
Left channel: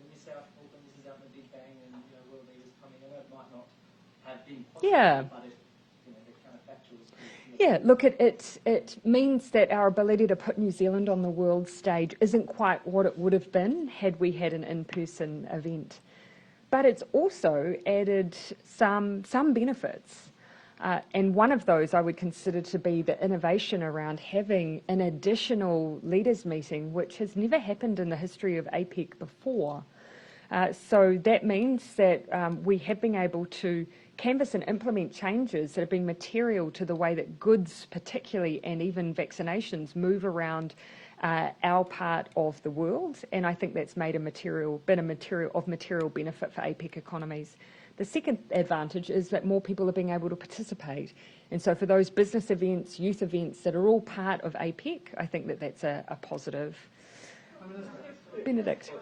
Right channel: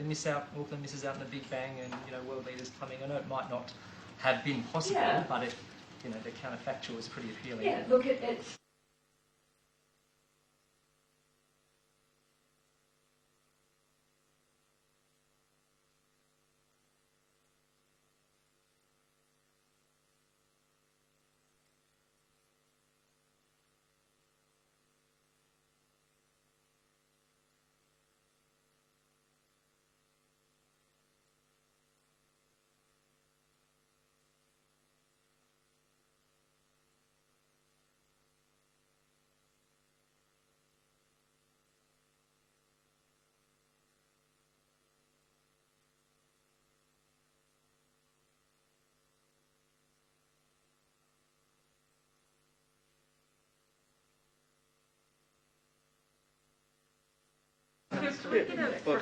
Auckland misses out on the Big Bang and, you know, world leaders coming. I know it might not have been possible, but it, you know, the counterfactual is pretty appealing. Yeah, look, it means that our ability to put New Zealand on the world stage isn't quite what it would have been had we had an in-person event. But it's also added some benefits. And one of those I would consider to be the innovation around having an additional leaders meeting, which has never happened in the history of APEC before. So that means that we have been able to canvass and implement changes that have been material to the way that goods particularly, and even vaccinations, move around our part of the world. And I think that's made been a material benefit for APEC economies. The second advantage is that more people are being able to participate. And so for those business events, youth events that are all part of APEC, I think that that's a positive. This is for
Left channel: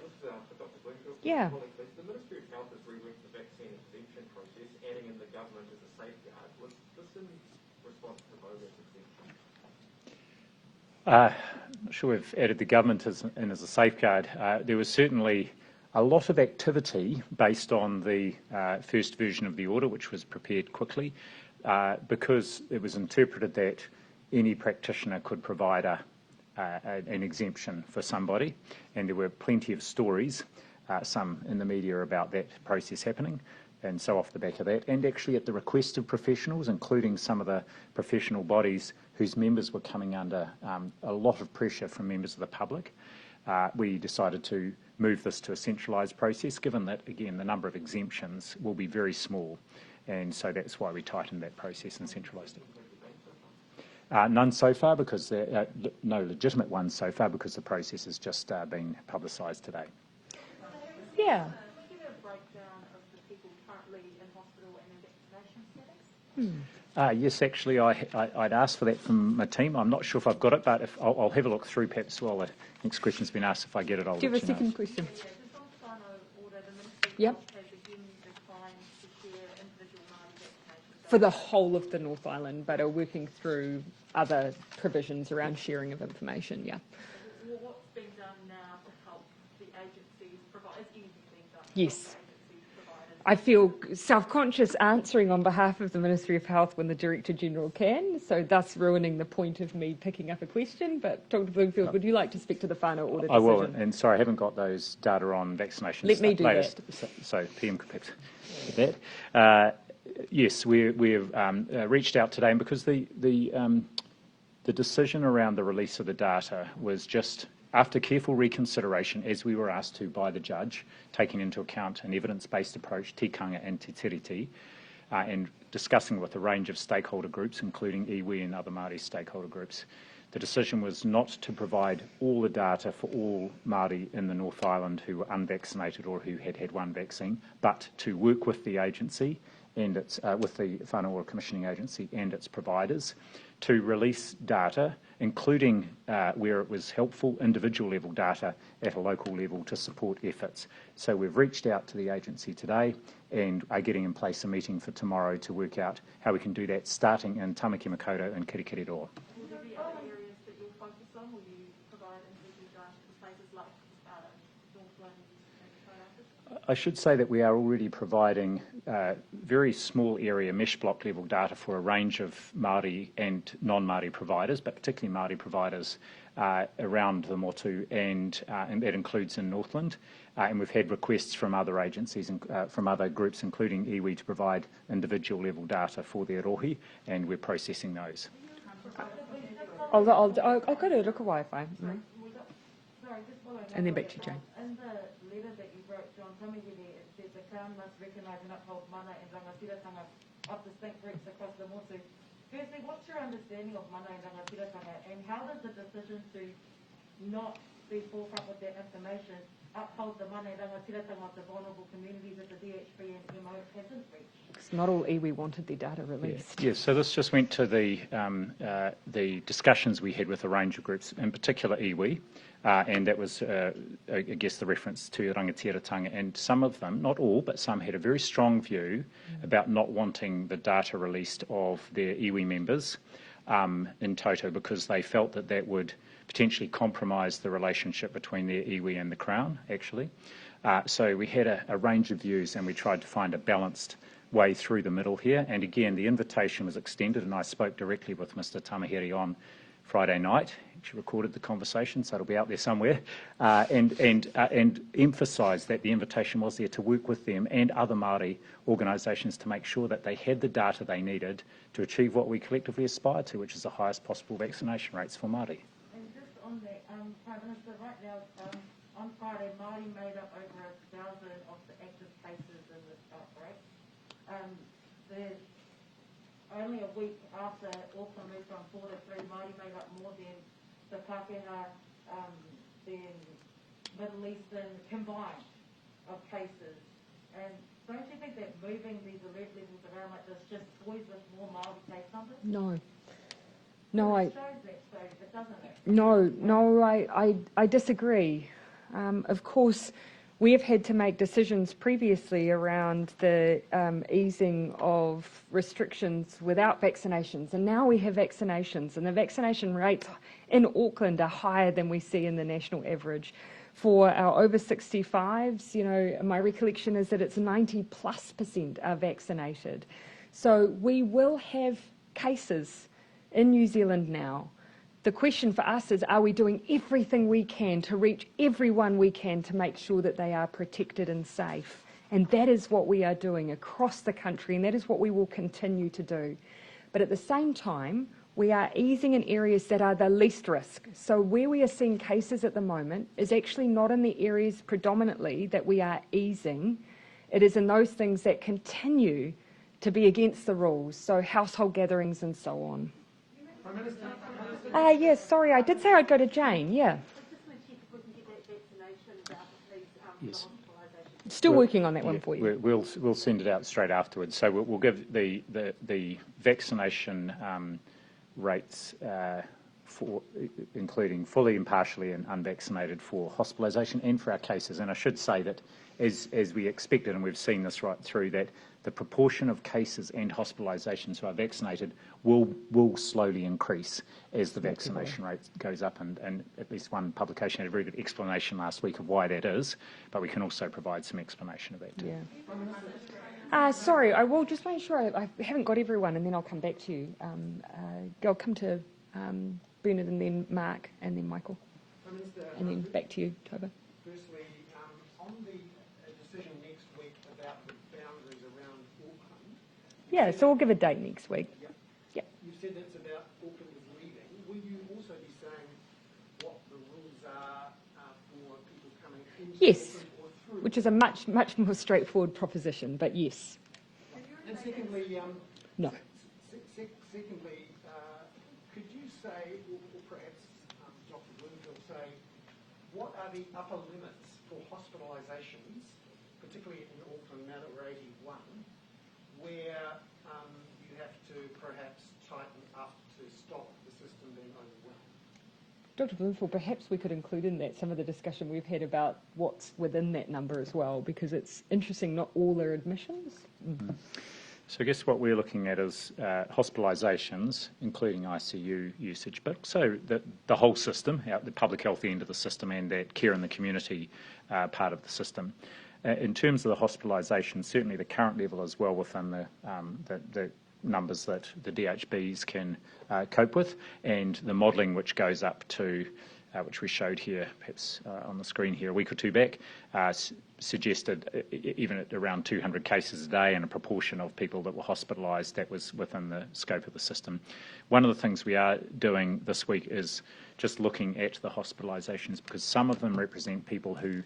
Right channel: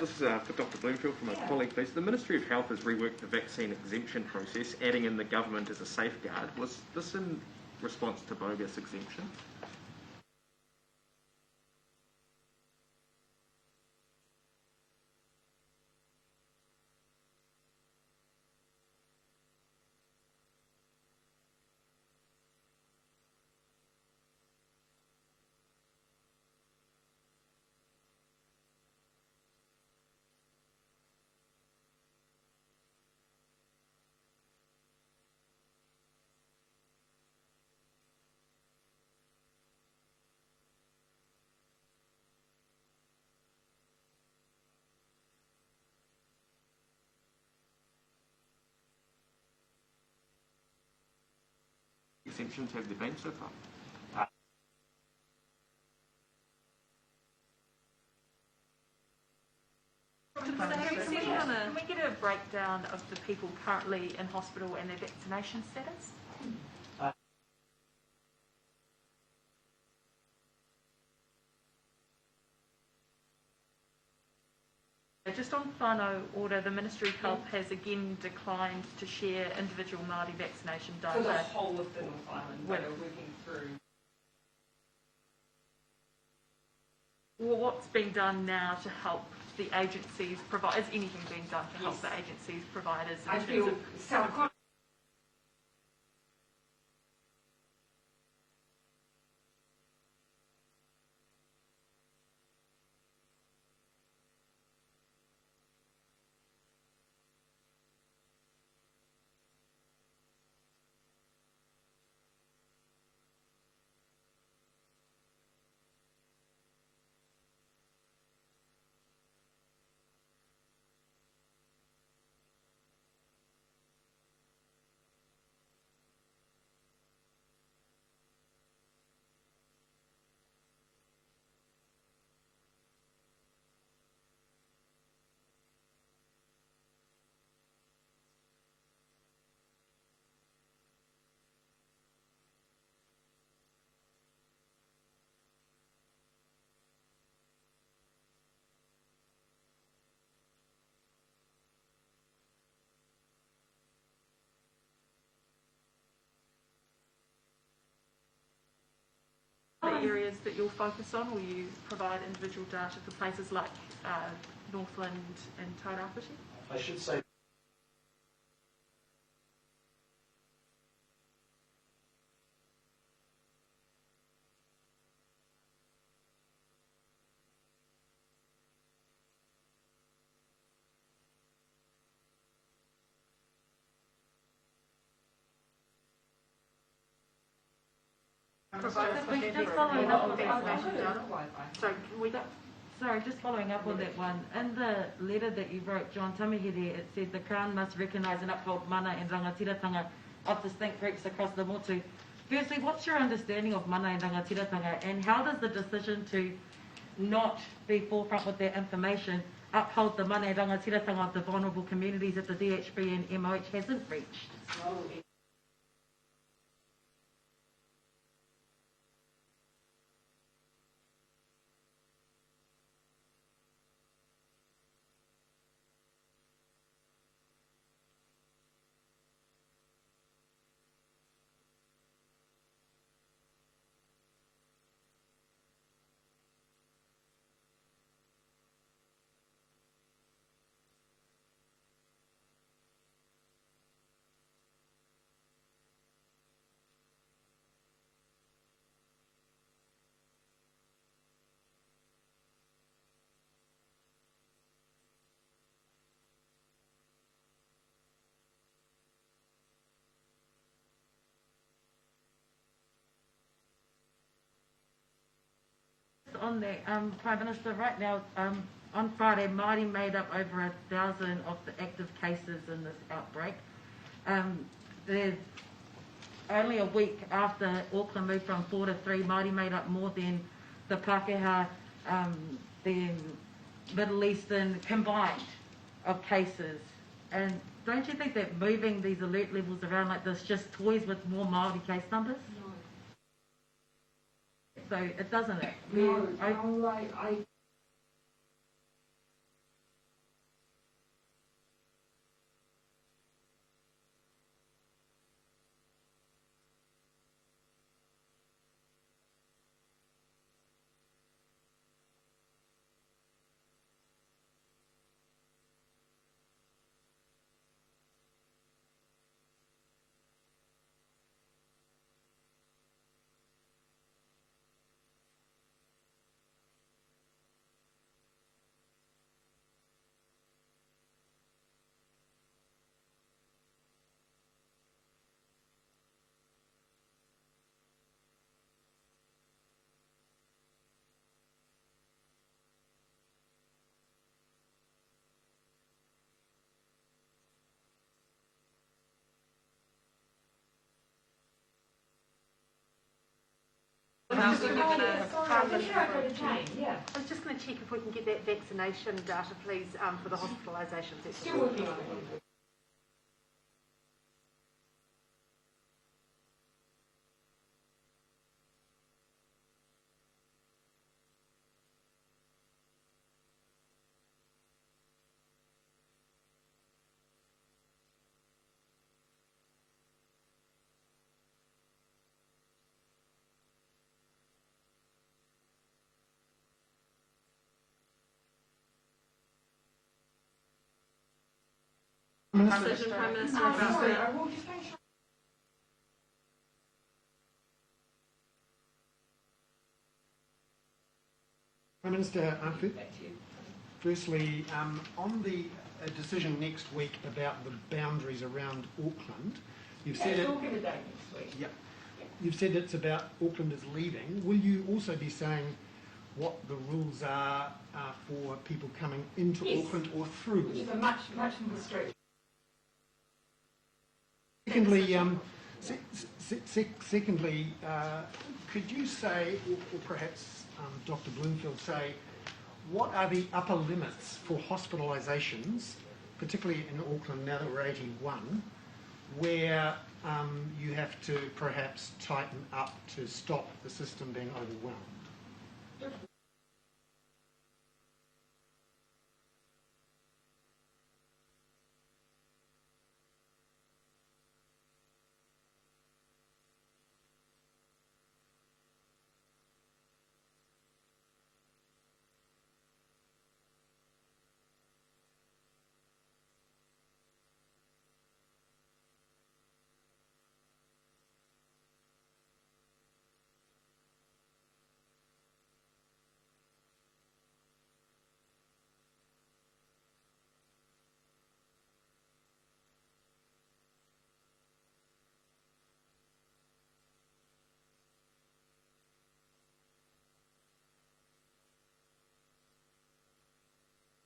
Dr. Bloomfield from my colleague, please. The Ministry of Health has reworked the vaccine exemption process, adding in the government as a safeguard. Was this in response to bogus exemption? I'm not sure we've added the government as a safeguard. There was certainly a lot of activity based on the first version of the order, which was prepared quickly, because it was interpreted that any practitioner could provide an exemption for somebody, and there were plenty of stories, some in the media, about that process happening. And so off the back of that, and actually at the request of professionals, including some of the professional bodies whose members were coming under a lot of pressure from members of the public, we decided to move this to a centralised process, given that, again, the number of exemptions will be very small. And so that's why we tightened that process and centralised. Exemptions have there been so far? None so far, because no legitimate ones so far, because the process has just been publicised today. Can we get a breakdown of the people currently in hospital and their vaccination status? Yes, actually, I'd asked for that from my team. I'm not sure if I've got it, but I'll have a look through perhaps while the next question's been asked. If I get it, I'll let you know. Do you have a second question? Yeah, just on whānau order, the Ministry of Health has again declined to share individual Māori vaccination data. For the whole of the North Island, but are working through other provisions around sharing of information, Well, what's being done now to help the agencies provide? Is anything being done to help the agencies providers? I feel self-conscious answering on behalf of the Ministry of Health when the Director General can, so thus ruining the point of me picking up a question. But Dr. Bloomfield, would you like to speak to the whānau order decision? I will, and sorry, I haven't got those data on vaccinations. Let me do latest, that. So PM could perhaps get that. Yes, we've reached out today, and because the decision around the release of the data was just after careful reconsideration, as we were asked to by the judge, taking into account an evidence-based approach, tikanga and te tiriti, and discussing with a range of stakeholder groups, including iwi and other Māori stakeholder groups. The decision was not to provide all the data for all Māori in the North Island who were unvaccinated or who had had one vaccine, but to work with the agency and its, with the whānau ora commissioning agency and its providers to release data, including where it was helpful, individual level data at a local level to support efforts. So we've reached out to the agency today and are getting in place a meeting for tomorrow to work out how we can do that, starting in Tamaki Makaurau and Kirikiriroa. Other areas that you'll focus on, will you provide individual data for places like Northland and Tairāwhiti? I should say that we are already providing very small area mesh block level data for a range of Māori and non-Māori providers, but particularly Māori providers around the motu, and that includes in Northland. And we've had requests from other agencies and from other groups, including iwi, to provide individual level data for their rohi, and we're processing those. I've got to look at Wi-Fi. Sorry, just following up on that one. In the letter that you wrote, John Tamihere, it said the Crown must recognise and uphold mana and rangatiratanga of distinct groups across the motu. Firstly, what's your understanding of mana and rangatiratanga, and how does the decision to not be forefront with that information uphold the mana and rangatiratanga of the vulnerable communities that the DHB and MOH hasn't reached? It's not all iwi wanted their data released. Yes, so this just went to the discussions we had with a range of groups, in particular iwi. And that was, I guess, the reference to rangatiratanga. And some of them, not all, but some had a very strong view about not wanting the data released of their iwi members in toto, because they felt that that would potentially compromise the relationship between their iwi and the Crown, actually. So we had a range of views, and we tried to find a balanced way through the middle here. And again, the invitation was extended, and I spoke directly with Mr. Tamihere on Friday night. She recorded the conversation, so it'll be out there somewhere, and emphasised that the invitation was there to work with them and other Māori organisations to make sure that they had the data they needed to achieve what we collectively aspire to, which is the highest possible vaccination rates for Māori. And just on that, Prime Minister, right now, on Friday, Māori made up over 1,000 of the active cases in this outbreak. There's only a week after Auckland moved from 4 to 3, Māori made up more than the Pākehā, the Middle Eastern combined of cases. And don't you think that moving these alert levels around like this just toys with more Māori case numbers? No, So it doesn't it? No, I disagree. Of course, we have had to make decisions previously around the easing of restrictions without vaccinations, and now we have vaccinations, and the vaccination rates in Auckland are higher than we see in the national average. For our over 65s, you know, my recollection is that it's 90+% are vaccinated. So we will have cases in New Zealand now. The question for us is, are we doing everything we can to reach everyone we can to make sure that they are protected and safe? And that is what we are doing across the country, and that is what we will continue to do. But at the same time, we are easing in areas that are the least risk. So where we are seeing cases at the moment is actually not in the areas predominantly that we are easing. It is in those things that continue to be against the rules, so household gatherings and so on. Yes, sorry, I did say I'd go to Jane, yeah. I was just going to check if we can get that vaccination data, please, for the hospitalisations. Still working on that one for you. We'll send it out straight afterwards. So we'll give the vaccination rates for including fully and partially and unvaccinated for hospitalisation and for our cases. And I should say that as we expected, and we've seen this right through, that the proportion of cases and hospitalisations who are vaccinated will slowly increase as the vaccination rate goes up, and at least one publication had a very good explanation last week of why that is, but we can also provide some explanation of that too. Yeah. Sorry, I will just make sure I haven't got everyone, and then I'll come back to you. I'll come to Bernard and then Mark and then Michael. Prime Minister, back to you, Toba. Firstly, on the decision next week about the boundaries around Auckland. So we'll give a date next week. Yeah. You've said it's about Aucklanders leaving. Will you also be saying what the rules are for people coming into Auckland or through? Which is a much more straightforward proposition, but yes. And secondly, no. Secondly, could you say, or perhaps Dr. Bloomfield say, what are the upper limits for hospitalisations, particularly in Auckland now that we're 81, where you have to perhaps tighten up to stop the system being overwhelmed? Dr. Bloomfield, perhaps we could include in that some of the discussion we've had about what's within that number as well, because it's interesting, not all are admissions. Mm-hmm. So I guess what we're looking at is hospitalisations, including ICU usage, but also the whole system, the public health end of the system and that care in the community part of the system. In terms of the hospitalisation, certainly the current level is well within the numbers that the DHBs can cope with, and the modelling which goes up to, which we showed here, perhaps on the screen here a week or two back, suggested even at around 200 cases a day and a proportion of people that were hospitalised, that was within the scope of the system. One of the things we are doing this week is just looking at the hospitalisations, because some of them represent people who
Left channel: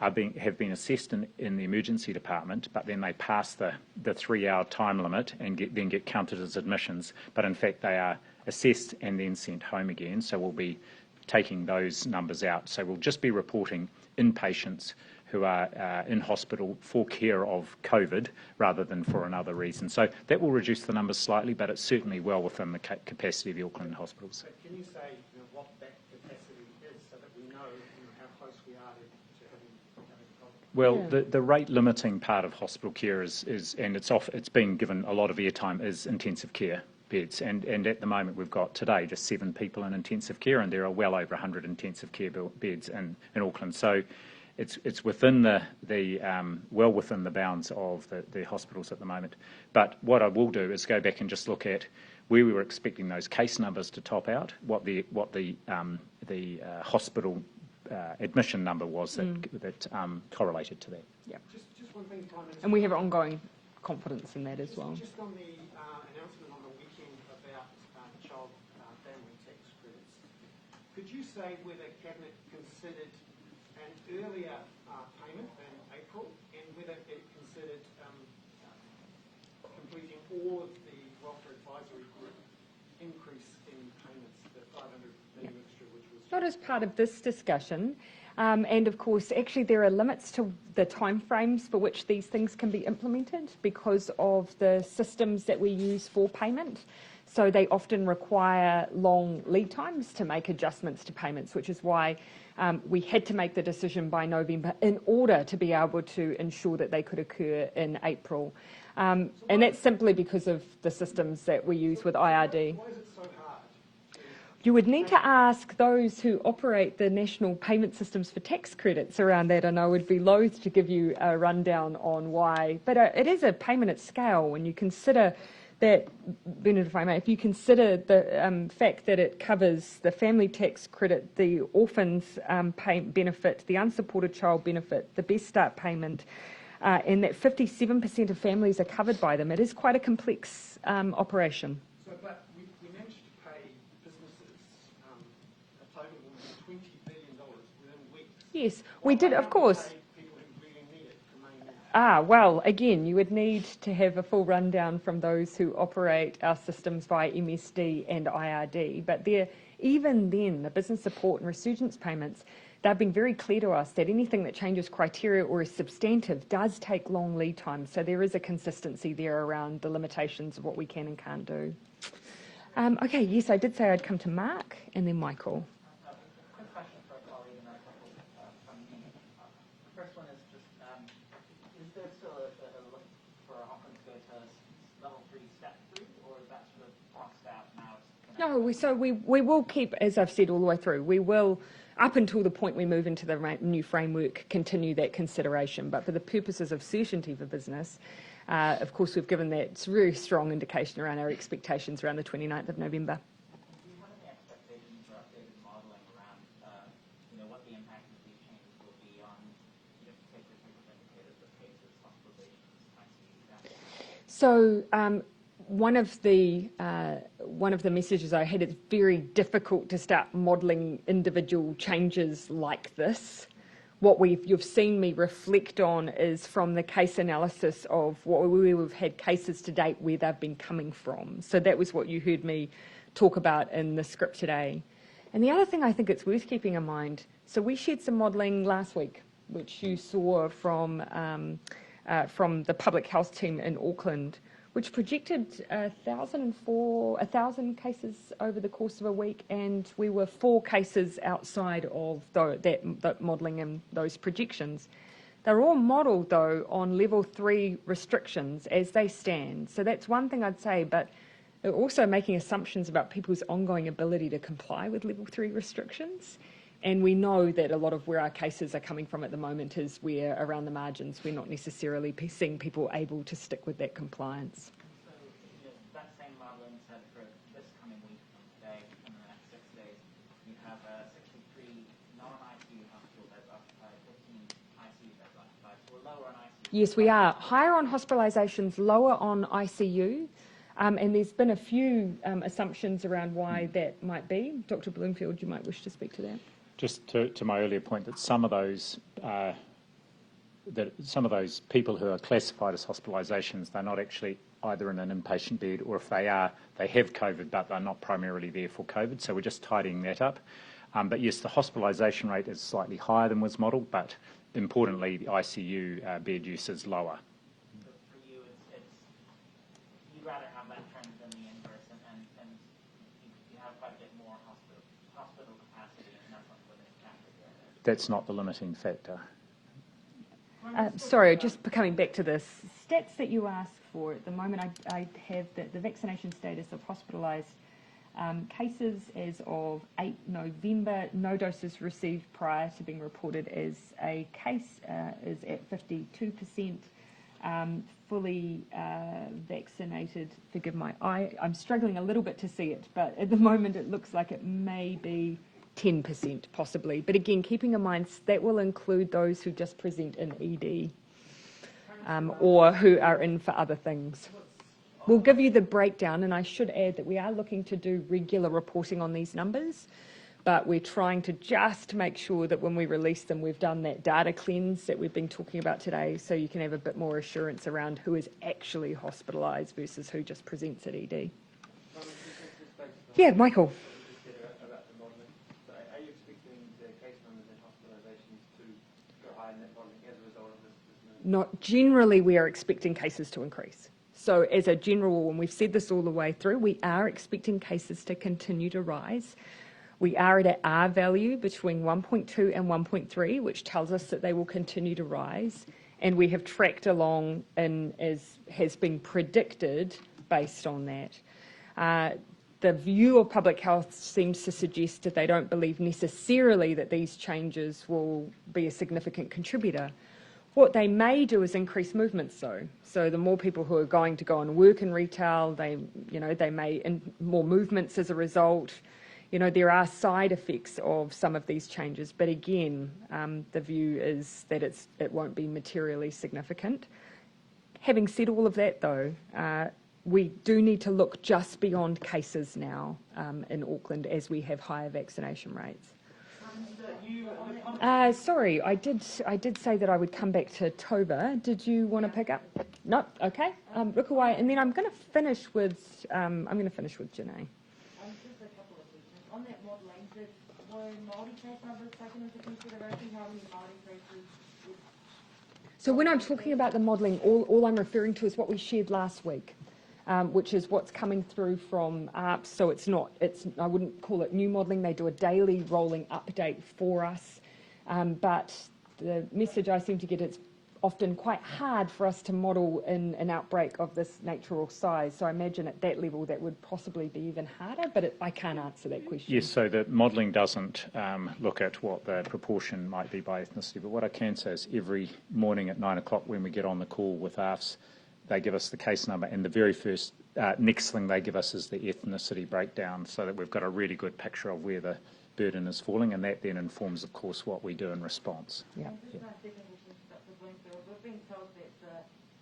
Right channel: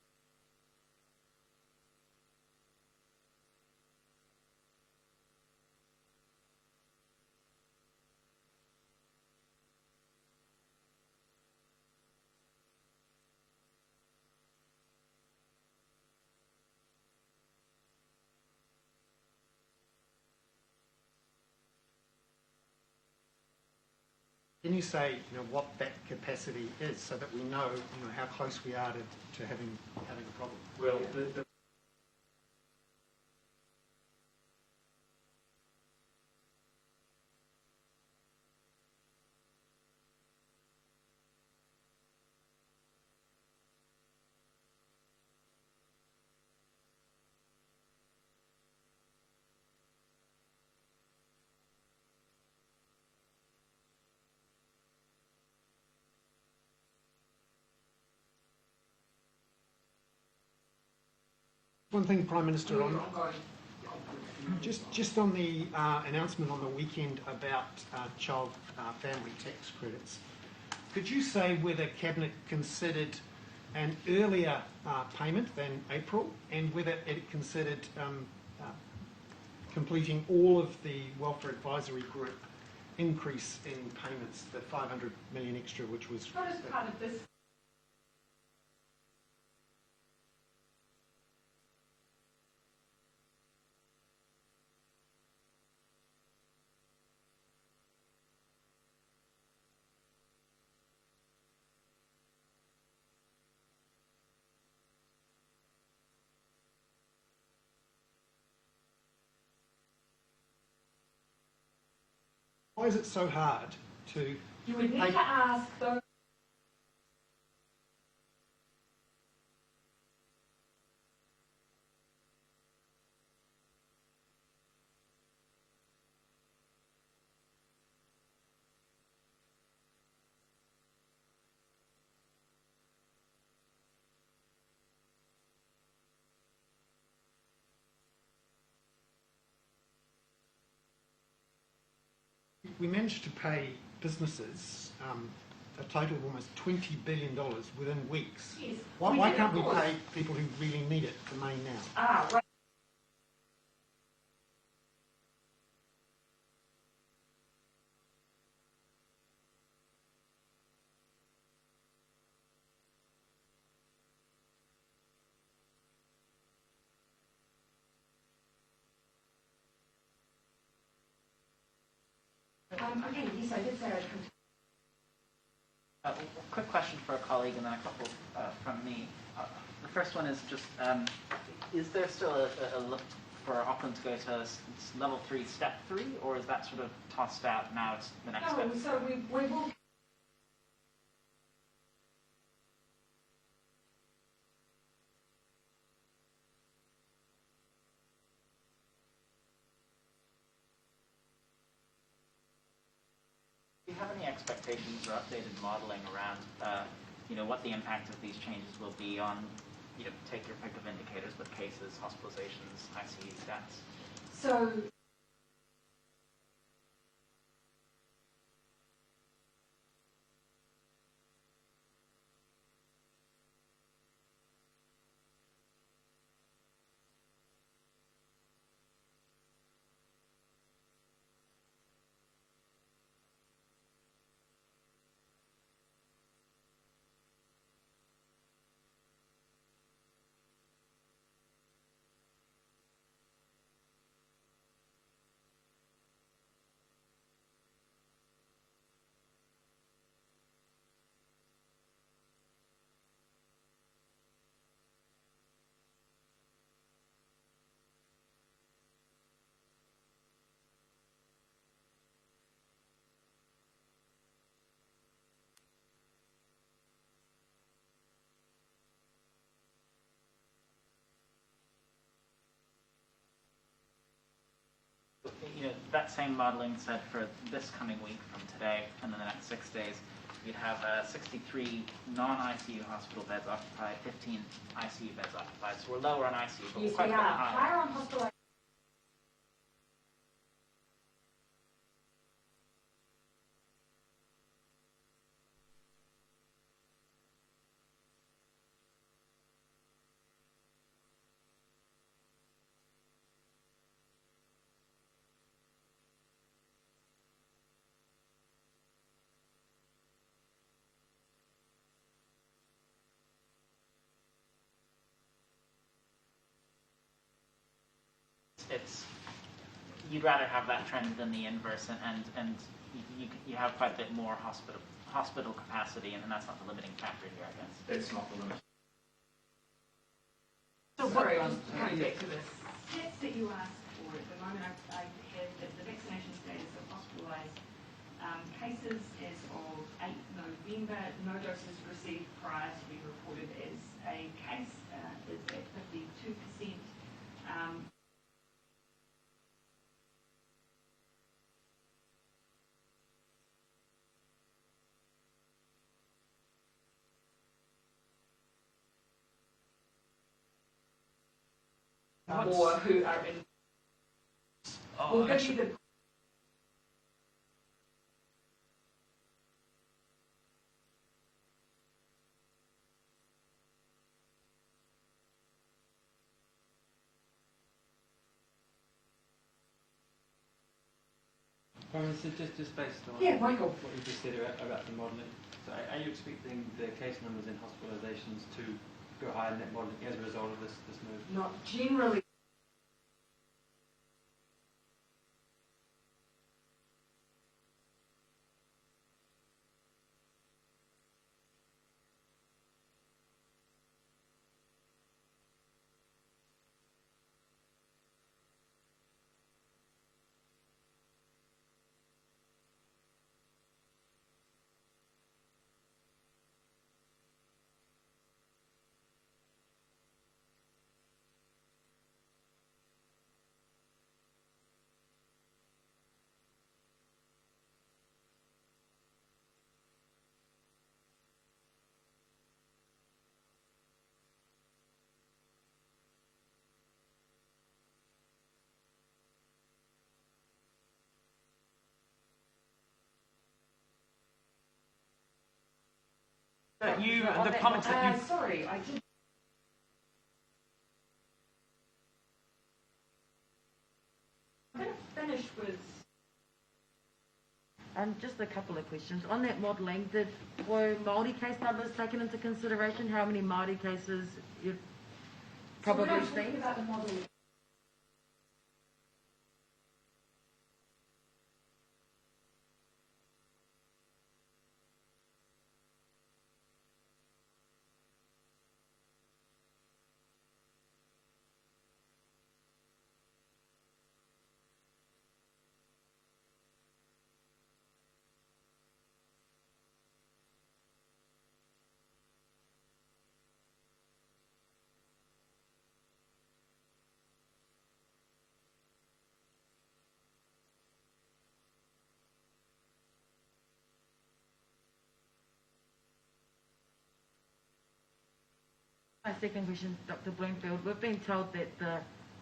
have been assessed in the emergency department, but then they pass the 3-hour time limit and then get counted as admissions, but in fact they are assessed and then sent home again. So we'll be taking those numbers out. So we'll just be reporting inpatients who are in hospital for care of COVID rather than for another reason. So that will reduce the numbers slightly, but it's certainly well within the capacity of the Auckland hospitals. Can you say what that capacity is so that we know, how close we are to having a problem? Well, the rate limiting part of hospital care is and it's been given a lot of airtime, is intensive care beds, and at the moment we've got today just 7 people in intensive care, and there are well over 100 intensive care beds in Auckland. So it's within well within the bounds of the hospitals at the moment. But what I will do is go back and just look at where we were expecting those case numbers to top out, what the hospital admission number was that correlated to that. Yeah. Just one thing, Prime Minister. And we have ongoing confidence in that as well. Just on the announcement on the weekend about child family tax credits, could you say whether Cabinet considered an earlier payment than April, and whether it considered completing all of the Welfare Advisory Group increase in payments, the 500 million extra, which was... Not as part of this discussion. And of course, actually there are limits to the timeframes for which these things can be implemented because of the systems that we use for payment. So they often require long lead times to make adjustments to payments, which is why we had to make the decision by November in order to be able to ensure that they could occur in April. And that's simply because of the systems that we use with IRD. Why is it so hard to... You would need to ask those who operate the national payment systems for tax credits around that, and I would be loath to give you a rundown on why. But it is a payment at scale when you consider that, Bernard, if I may, if you consider the fact that it covers the family tax credit, the orphans benefit, the unsupported child benefit, the Best Start payment, and that 57% of families are covered by them, it is quite a complex operation. So, but we managed to pay businesses a total of almost $20 billion within weeks. Yes, why, we did, why of course. We pay people who really need it for May now? Well, again, you would need to have a full rundown from those who operate our systems via MSD and IRD. But even then, the business support and resurgence payments, they've been very clear to us that anything that changes criteria or is substantive does take long lead time. So there is a consistency there around the limitations of what we can and can't do. Okay, yes, I did say I'd come to Mark and then Michael. Quick question for a colleague and then a couple from me. The first one is just, is there still a look for Auckland to go to level 3, step 3, or is that sort of tossed out now? It's the next step? No, so we will keep, as I've said all the way through, we will, up until the point we move into the new framework, continue that consideration. But for the purposes of certainty for business, of course, we've given that very strong indication around our expectations around the 29th of November. Do you have any expectations or updated modelling around, what the impact of these changes will be on, take your pick of indicators with cases, hospitalizations, ICU stats? So one of the messages I had, it's very difficult to start modelling individual changes like this. What you've seen me reflect on is from the case analysis of where we've had cases to date where they've been coming from. So that was what you heard me talk about in the script today. And the other thing I think it's worth keeping in mind, so we shared some modelling last week, which you saw from the public health team in Auckland, which projected 1,000 cases over the course of a week, and we were 4 cases outside of that modelling and those projections. They're all modelled, though, on level 3 restrictions as they stand. So that's one thing I'd say, but they're also making assumptions about people's ongoing ability to comply with level 3 restrictions. And we know that a lot of where our cases are coming from at the moment is where, around the margins, we're not necessarily seeing people able to stick with that compliance. That same modelling said for this coming week from today and in the next 6 days, we'd have 63 non-ICU hospital beds occupied, 15 ICU beds occupied. So we're lower on ICU. Yes, we are. Higher on hospitalisations, lower on ICU. And there's been a few assumptions around why that might be. Dr. Bloomfield, you might wish to speak to that. Just to my earlier point, that some of those people who are classified as hospitalisations, they're not actually either in an inpatient bed, or if they are, they have COVID, but they're not primarily there for COVID. So we're just tidying that up. But yes, the hospitalisation rate is slightly higher than was modelled, but importantly, the ICU bed use is lower. So for you, you'd rather have that trend than the inverse, and you have quite a bit more hospital capacity, and that's not the limiting factor here, I guess. That's not the limiting factor. Sorry, just coming back to the stats that you asked for. At the moment, I have the vaccination status of hospitalised cases as of 8 November. No doses received prior to being reported as a case is at 52%. Fully vaccinated, forgive my eye, I'm struggling a little bit to see it, but at the moment it looks like it may be 10% possibly. But again, keeping in mind that will include those who just present in ED or who are in for other things. We'll give you the breakdown, and I should add that we are looking to do regular reporting on these numbers, but we're trying to just make sure that when we release them, we've done that data cleanse that we've been talking about today, so you can have a bit more assurance around who is actually hospitalised versus who just presents at ED. Just based on Michael. What you just said about the modelling, so are you expecting the case numbers and hospitalisations to go higher in that modelling as a result of this move? Not generally, we are expecting cases to increase. So as a general, and we've said this all the way through, we are expecting cases to continue to rise. We are at an R value between 1.2 and 1.3, which tells us that they will continue to rise. And we have tracked along as has been predicted based on that. The view of public health seems to suggest that they don't believe necessarily that these changes will be a significant contributor. What they may do is increase movements, though. So the more people who are going to go and work in retail, they may more movements as a result. There are side effects of some of these changes, but again, the view is that it won't be materially significant. Having said all of that, though, we do need to look just beyond cases now in Auckland as we have higher vaccination rates. Sorry, I did say that I would come back to Toba. Did you want to pick up? No, okay. Rukawai, and then I'm going to finish with Janae. Just a couple of questions. On that modelling, were Māori case numbers taken into consideration? How many Māori cases? So when I'm talking about the modelling, all I'm referring to is what we shared last week, which is what's coming through from ARPS. So I wouldn't call it new modelling. They do a daily rolling update for us. But the message I seem to get is often quite hard for us to model in an outbreak of this nature or size. So I imagine at that level that would possibly be even harder, but I can't answer that question. Yes, so the modelling doesn't look at what the proportion might be by ethnicity, but what I can say is every morning at 9 o'clock when we get on the call with ARFs, they give us the case number, and the very first next thing they give us is the ethnicity breakdown, so that we've got a really good picture of where the burden is falling, and that then informs, of course, what we do in response. Yeah. My second question, Dr. Bloomfield. We've been told that the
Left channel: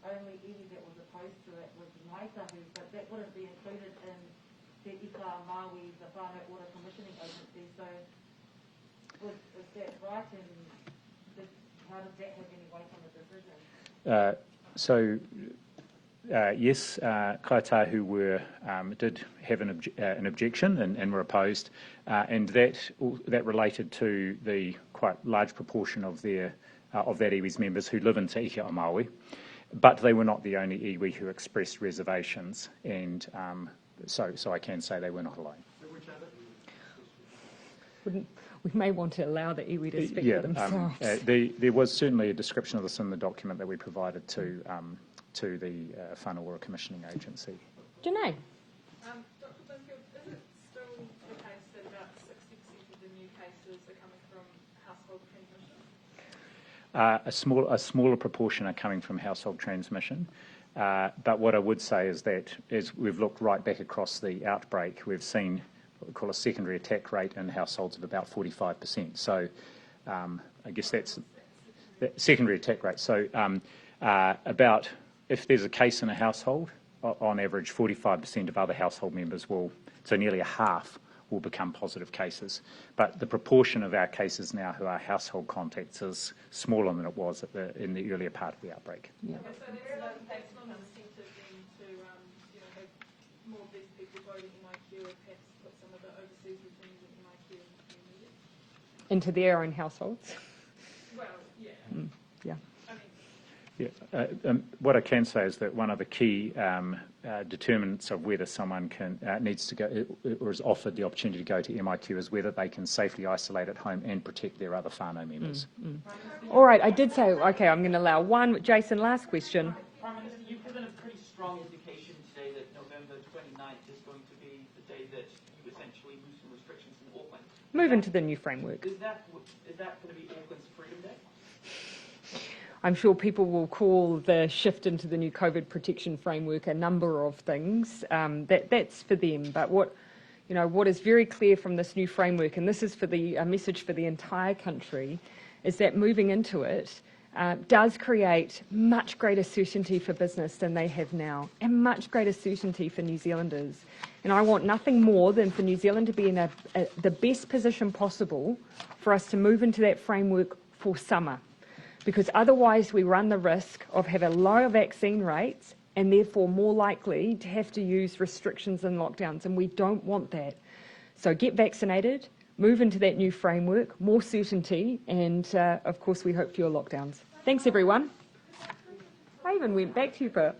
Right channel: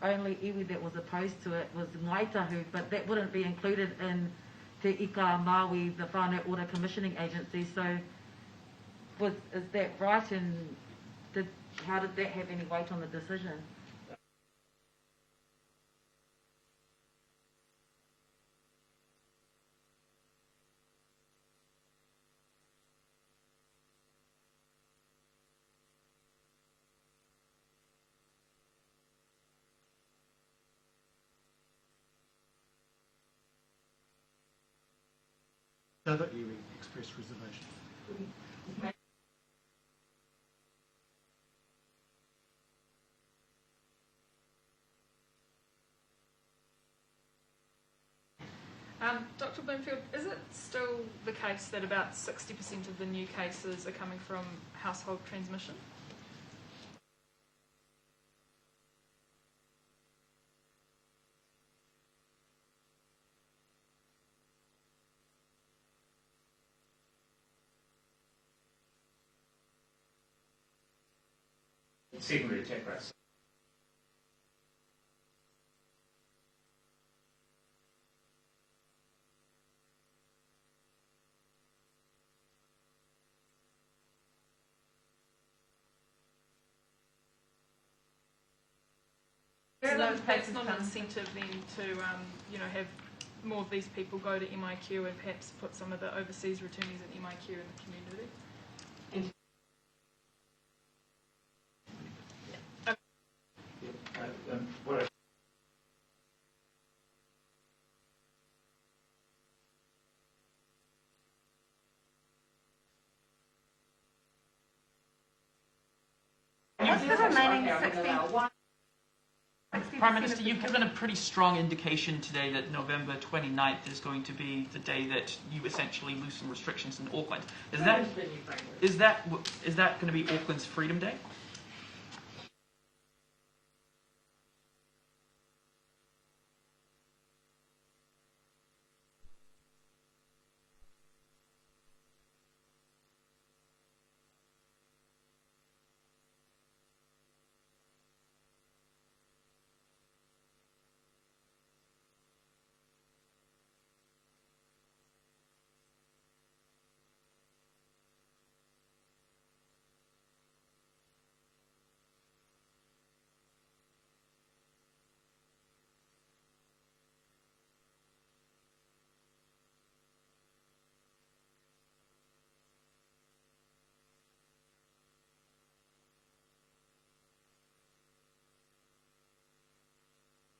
only iwi that was opposed to it was Ngaitahu, but that wouldn't be included in Te Ika Māui, the Whānau Order Commissioning Agency. So, is that right? And how did that have any weight on the decision? Yes, Kaitahu did have an objection and were opposed, and that related to the quite large proportion of that iwi's members who live in Te Ika o Māui, but they were not the only iwi who expressed reservations, and so I can say they were not alone. Which other iwi expressed reservations? We may want to allow the iwi to speak for themselves. There was certainly a description of this in the document that we provided to the Whānau Order Commissioning Agency. Janae? Dr. Bloomfield, is it still the case that about 60% of the new cases are coming from household transmission? A smaller proportion are coming from household transmission, but what I would say is that as we've looked right back across the outbreak, we've seen what we call a secondary attack rate in households of about 45%. So I guess that's the secondary attack rate. So about, if there's a case in a household, on average 45% of other household members so nearly a half will become positive cases. But the proportion of our cases now who are household contacts is smaller than it was in the earlier part of the outbreak. Yeah. So that's not an incentive then to have more of these people go to MIQ and perhaps put some of the overseas returnees at MIQ in the community? Into their own households? Well, yeah. Yeah. What I can say is that one of the key determinants of whether someone needs to go or is offered the opportunity to go to MIQ is whether they can safely isolate at home and protect their other whānau members. All right, I did say, okay, I'm going to allow one. Jason, last question. Prime Minister, you've given a pretty strong indication today that November 29th is going to be the day that you essentially loosen restrictions in Auckland. Move into the new framework. Is that going to be Auckland's Freedom Day? I'm sure people will call the shift into the new COVID protection framework a number of things. That's for them. But what is very clear from this new framework, and this is for a message for the entire country, is that moving into it does create much greater certainty for business than they have now, and much greater certainty for New Zealanders. And I want nothing more than for New Zealand to be in the best position possible for us to move into that framework for summer. Because otherwise we run the risk of having lower vaccine rates and therefore more likely to have to use restrictions and lockdowns, and we don't want that. So get vaccinated, move into that new framework, more certainty, and of course we hope fewer lockdowns. Thanks everyone. I even went back to you for